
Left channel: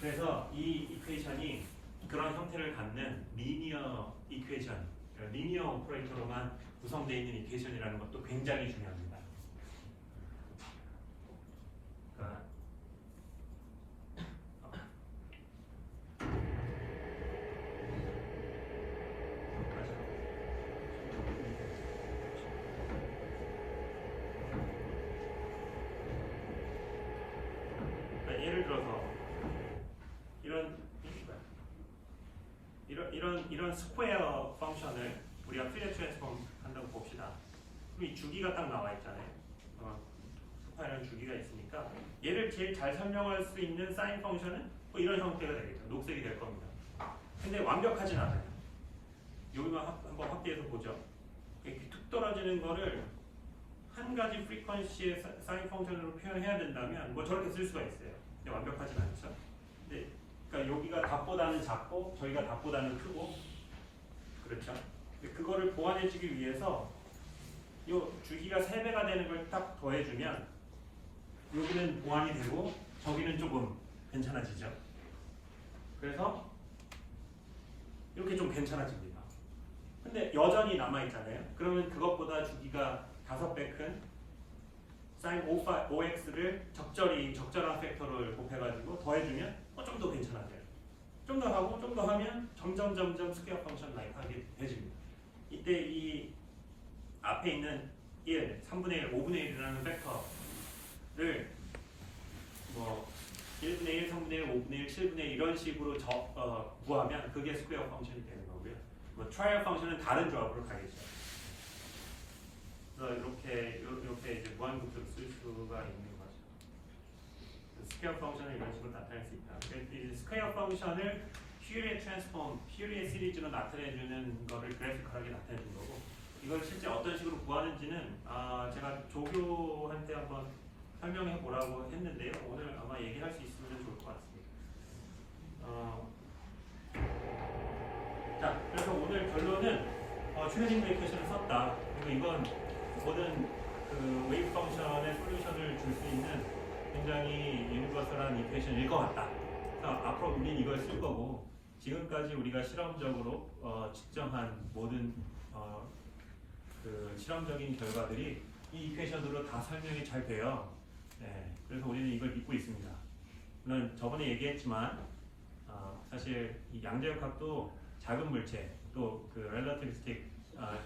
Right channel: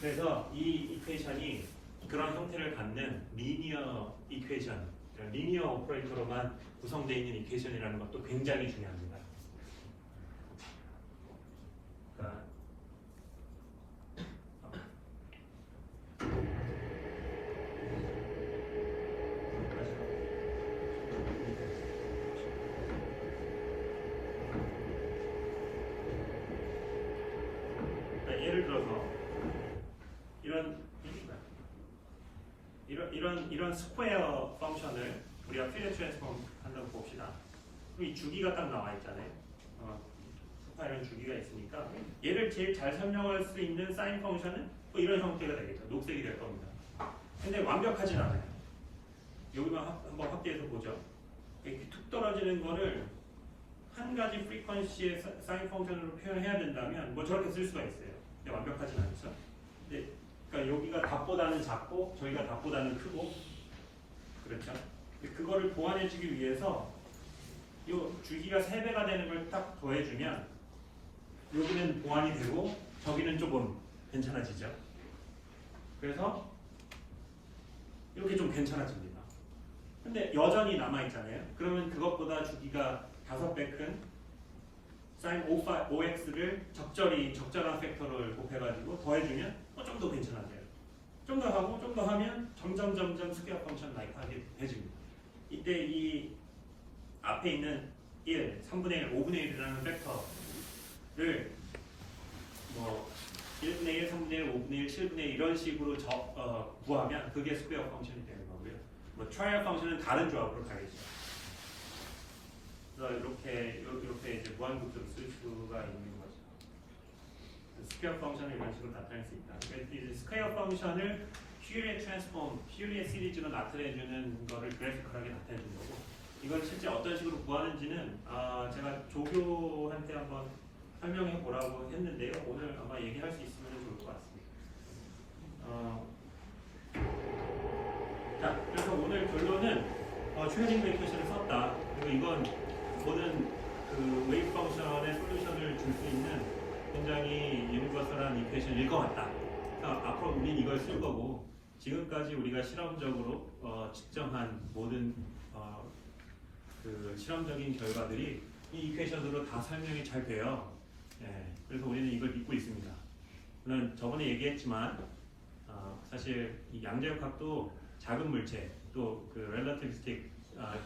그래서 이 이퀘이션이 그런 형태를 갖는 리니어 이퀘이션, 리니어 오퍼레이터로만 구성되어 있는 이퀘이션이라는 것도 굉장히 중요합니다. 이런 스퀘어 펑션을 우리가 퓨리어 트랜스폼 한다고 봅시다. 그럼 이 주기가 딱 나와 있잖아요. 스퀘어는 주기가 있으니까 얘를 제일 잘 설명할 수 있는 사인 펑션은 뭐 이런 형태가 되겠죠. 녹색이 될 겁니다. 근데 완벽하진 않아요. 여기만 한번 확대해서 보죠. 이렇게 툭 떨어지는 거를 한 가지 프리퀀시의 사인 펑션으로 표현해야 된다면 뭐 저렇게 쓸 수가 있어요. 근데 완벽하진 않죠. 근데 그러니까 여기가 답보다는 작고 저희가 답보다는 크고 그렇죠. 그거를 보완해주기 위해서 이 주기가 3배가 되는 걸 딱 더해주면 여기는 보완이 되고 저기는 조금 괜찮아지죠. 그래서 이렇게 좀 괜찮아집니다. 근데 여전히 남아있잖아요. 그러면 그것보다 주기가 5배 큰 sin 5x를 적절한 팩터를 곱해가지고 더해주면 좀 더 괜찮아져요. 좀 더 하고 좀 더 하면 점점 스퀘어 펑션 나이크하게 해집니다. 이때 이 앞에 있는 1, 3분의 1, 5분의 1이라는 팩터를 뭐 1분의 1, 3분의 1, 5분의 1, 7분의 1 이런 식으로 구하면 그게 스퀘어 펑션이 되는 거고요. 뭐 트라이얼 펑션은 다른 조합으로 가겠죠. 그래서 이렇게 이제 무한급수로 쓸 수가 있는 거죠. 스퀘어 펑션을 이런 식으로 나타낼 수 있다. 그래서 이 스퀘어 펑션을 퓨리어 트랜스폼, 퓨리어 시리즈로 나타내주는 거를 그래피컬하게 나타내준 거고, 이걸 실제 어떤 식으로 구하는지는 제가 조교한테 한번 설명해 보라고 했는데요. 오늘 아마 얘기할 수 있으면 좋을 것 같습니다. 자, 그래서 오늘 결론은 트레이닝 이퀘이션을 썼다. 그리고 이건 모든 그 웨이브 펑션의 솔루션을 줄 수 있는 굉장히 유니버설한 이퀘이션일 것 같다. 앞으로 우리는 이걸 쓸 거고, 지금까지 우리가 실험적으로 측정한 모든 그 실험적인 결과들이 이 이퀘이션으로 다 설명이 잘 돼요. 네, 그래서 우리는 이걸 믿고 있습니다. 물론 저번에 얘기했지만 사실 이 양자역학도 작은 물체, 또 그 렐러티비스틱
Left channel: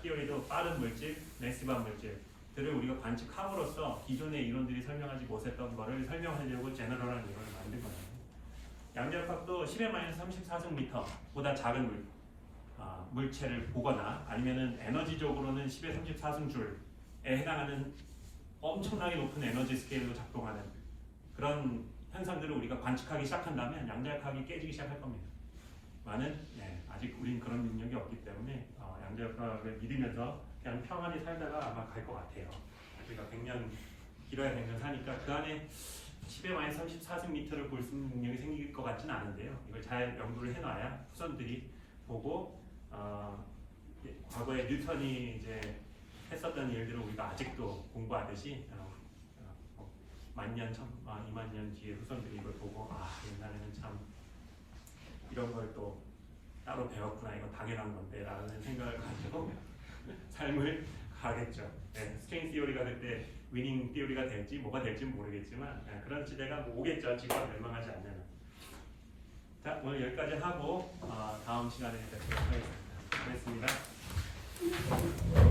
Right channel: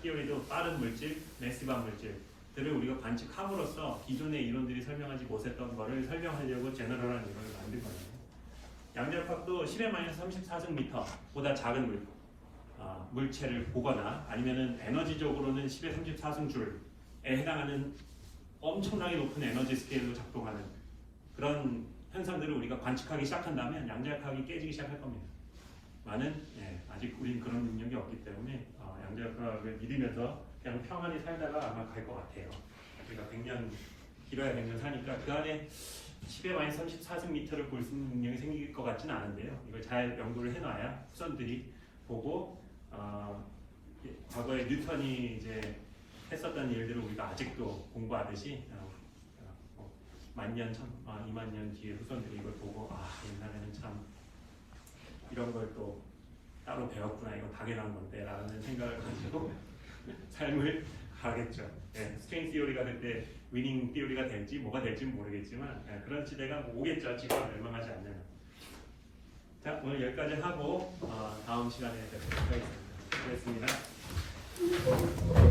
티어리도 빠른 물질, 매시브한 물질들을 우리가 관측함으로써 기존의 이론들이 설명하지 못했던 거를 설명하려고 제너럴한 이론을 만든 거예요. 양자역학도 10-34승미터보다 작은 물체를 보거나 아니면은 에너지적으로는 10의 34승줄에 해당하는 엄청나게 높은 에너지 스케일로 작동하는 그런 현상들을 우리가 관측하기 시작한다면 양자역학이 깨지기 시작할 겁니다. 아직 우린 그런 능력이 없기 때문에 양자역학을 믿으면서 그냥 평안히 살다가 아마 갈 것 같아요. 우리가 100년, 길어야 100년 사니까 그 안에 10의 34승미터를 볼 수 있는 능력이 생길 것 같지는 않은데요. 이걸 잘 연구를 해놔야 후손들이 보고 과거에 뉴턴이 이제 했었던 일들을 우리가 아직도 공부하듯이 만년, 2만 년 뒤에 후손들이 이걸 보고 옛날에는 참 이런 걸 또 따로 배웠구나, 이거 당연한 건데 라는 생각을 가지고 삶을 가겠죠. 스트렝스 티오리가 그때 위닝 티오리가 될지 뭐가 될지는 모르겠지만 그런 시대가 오겠죠. 지구가 멸망하지 않는. 자, 오늘 여기까지 하고 다음 시간에 뵙도록 하겠습니다. 수고했습니다.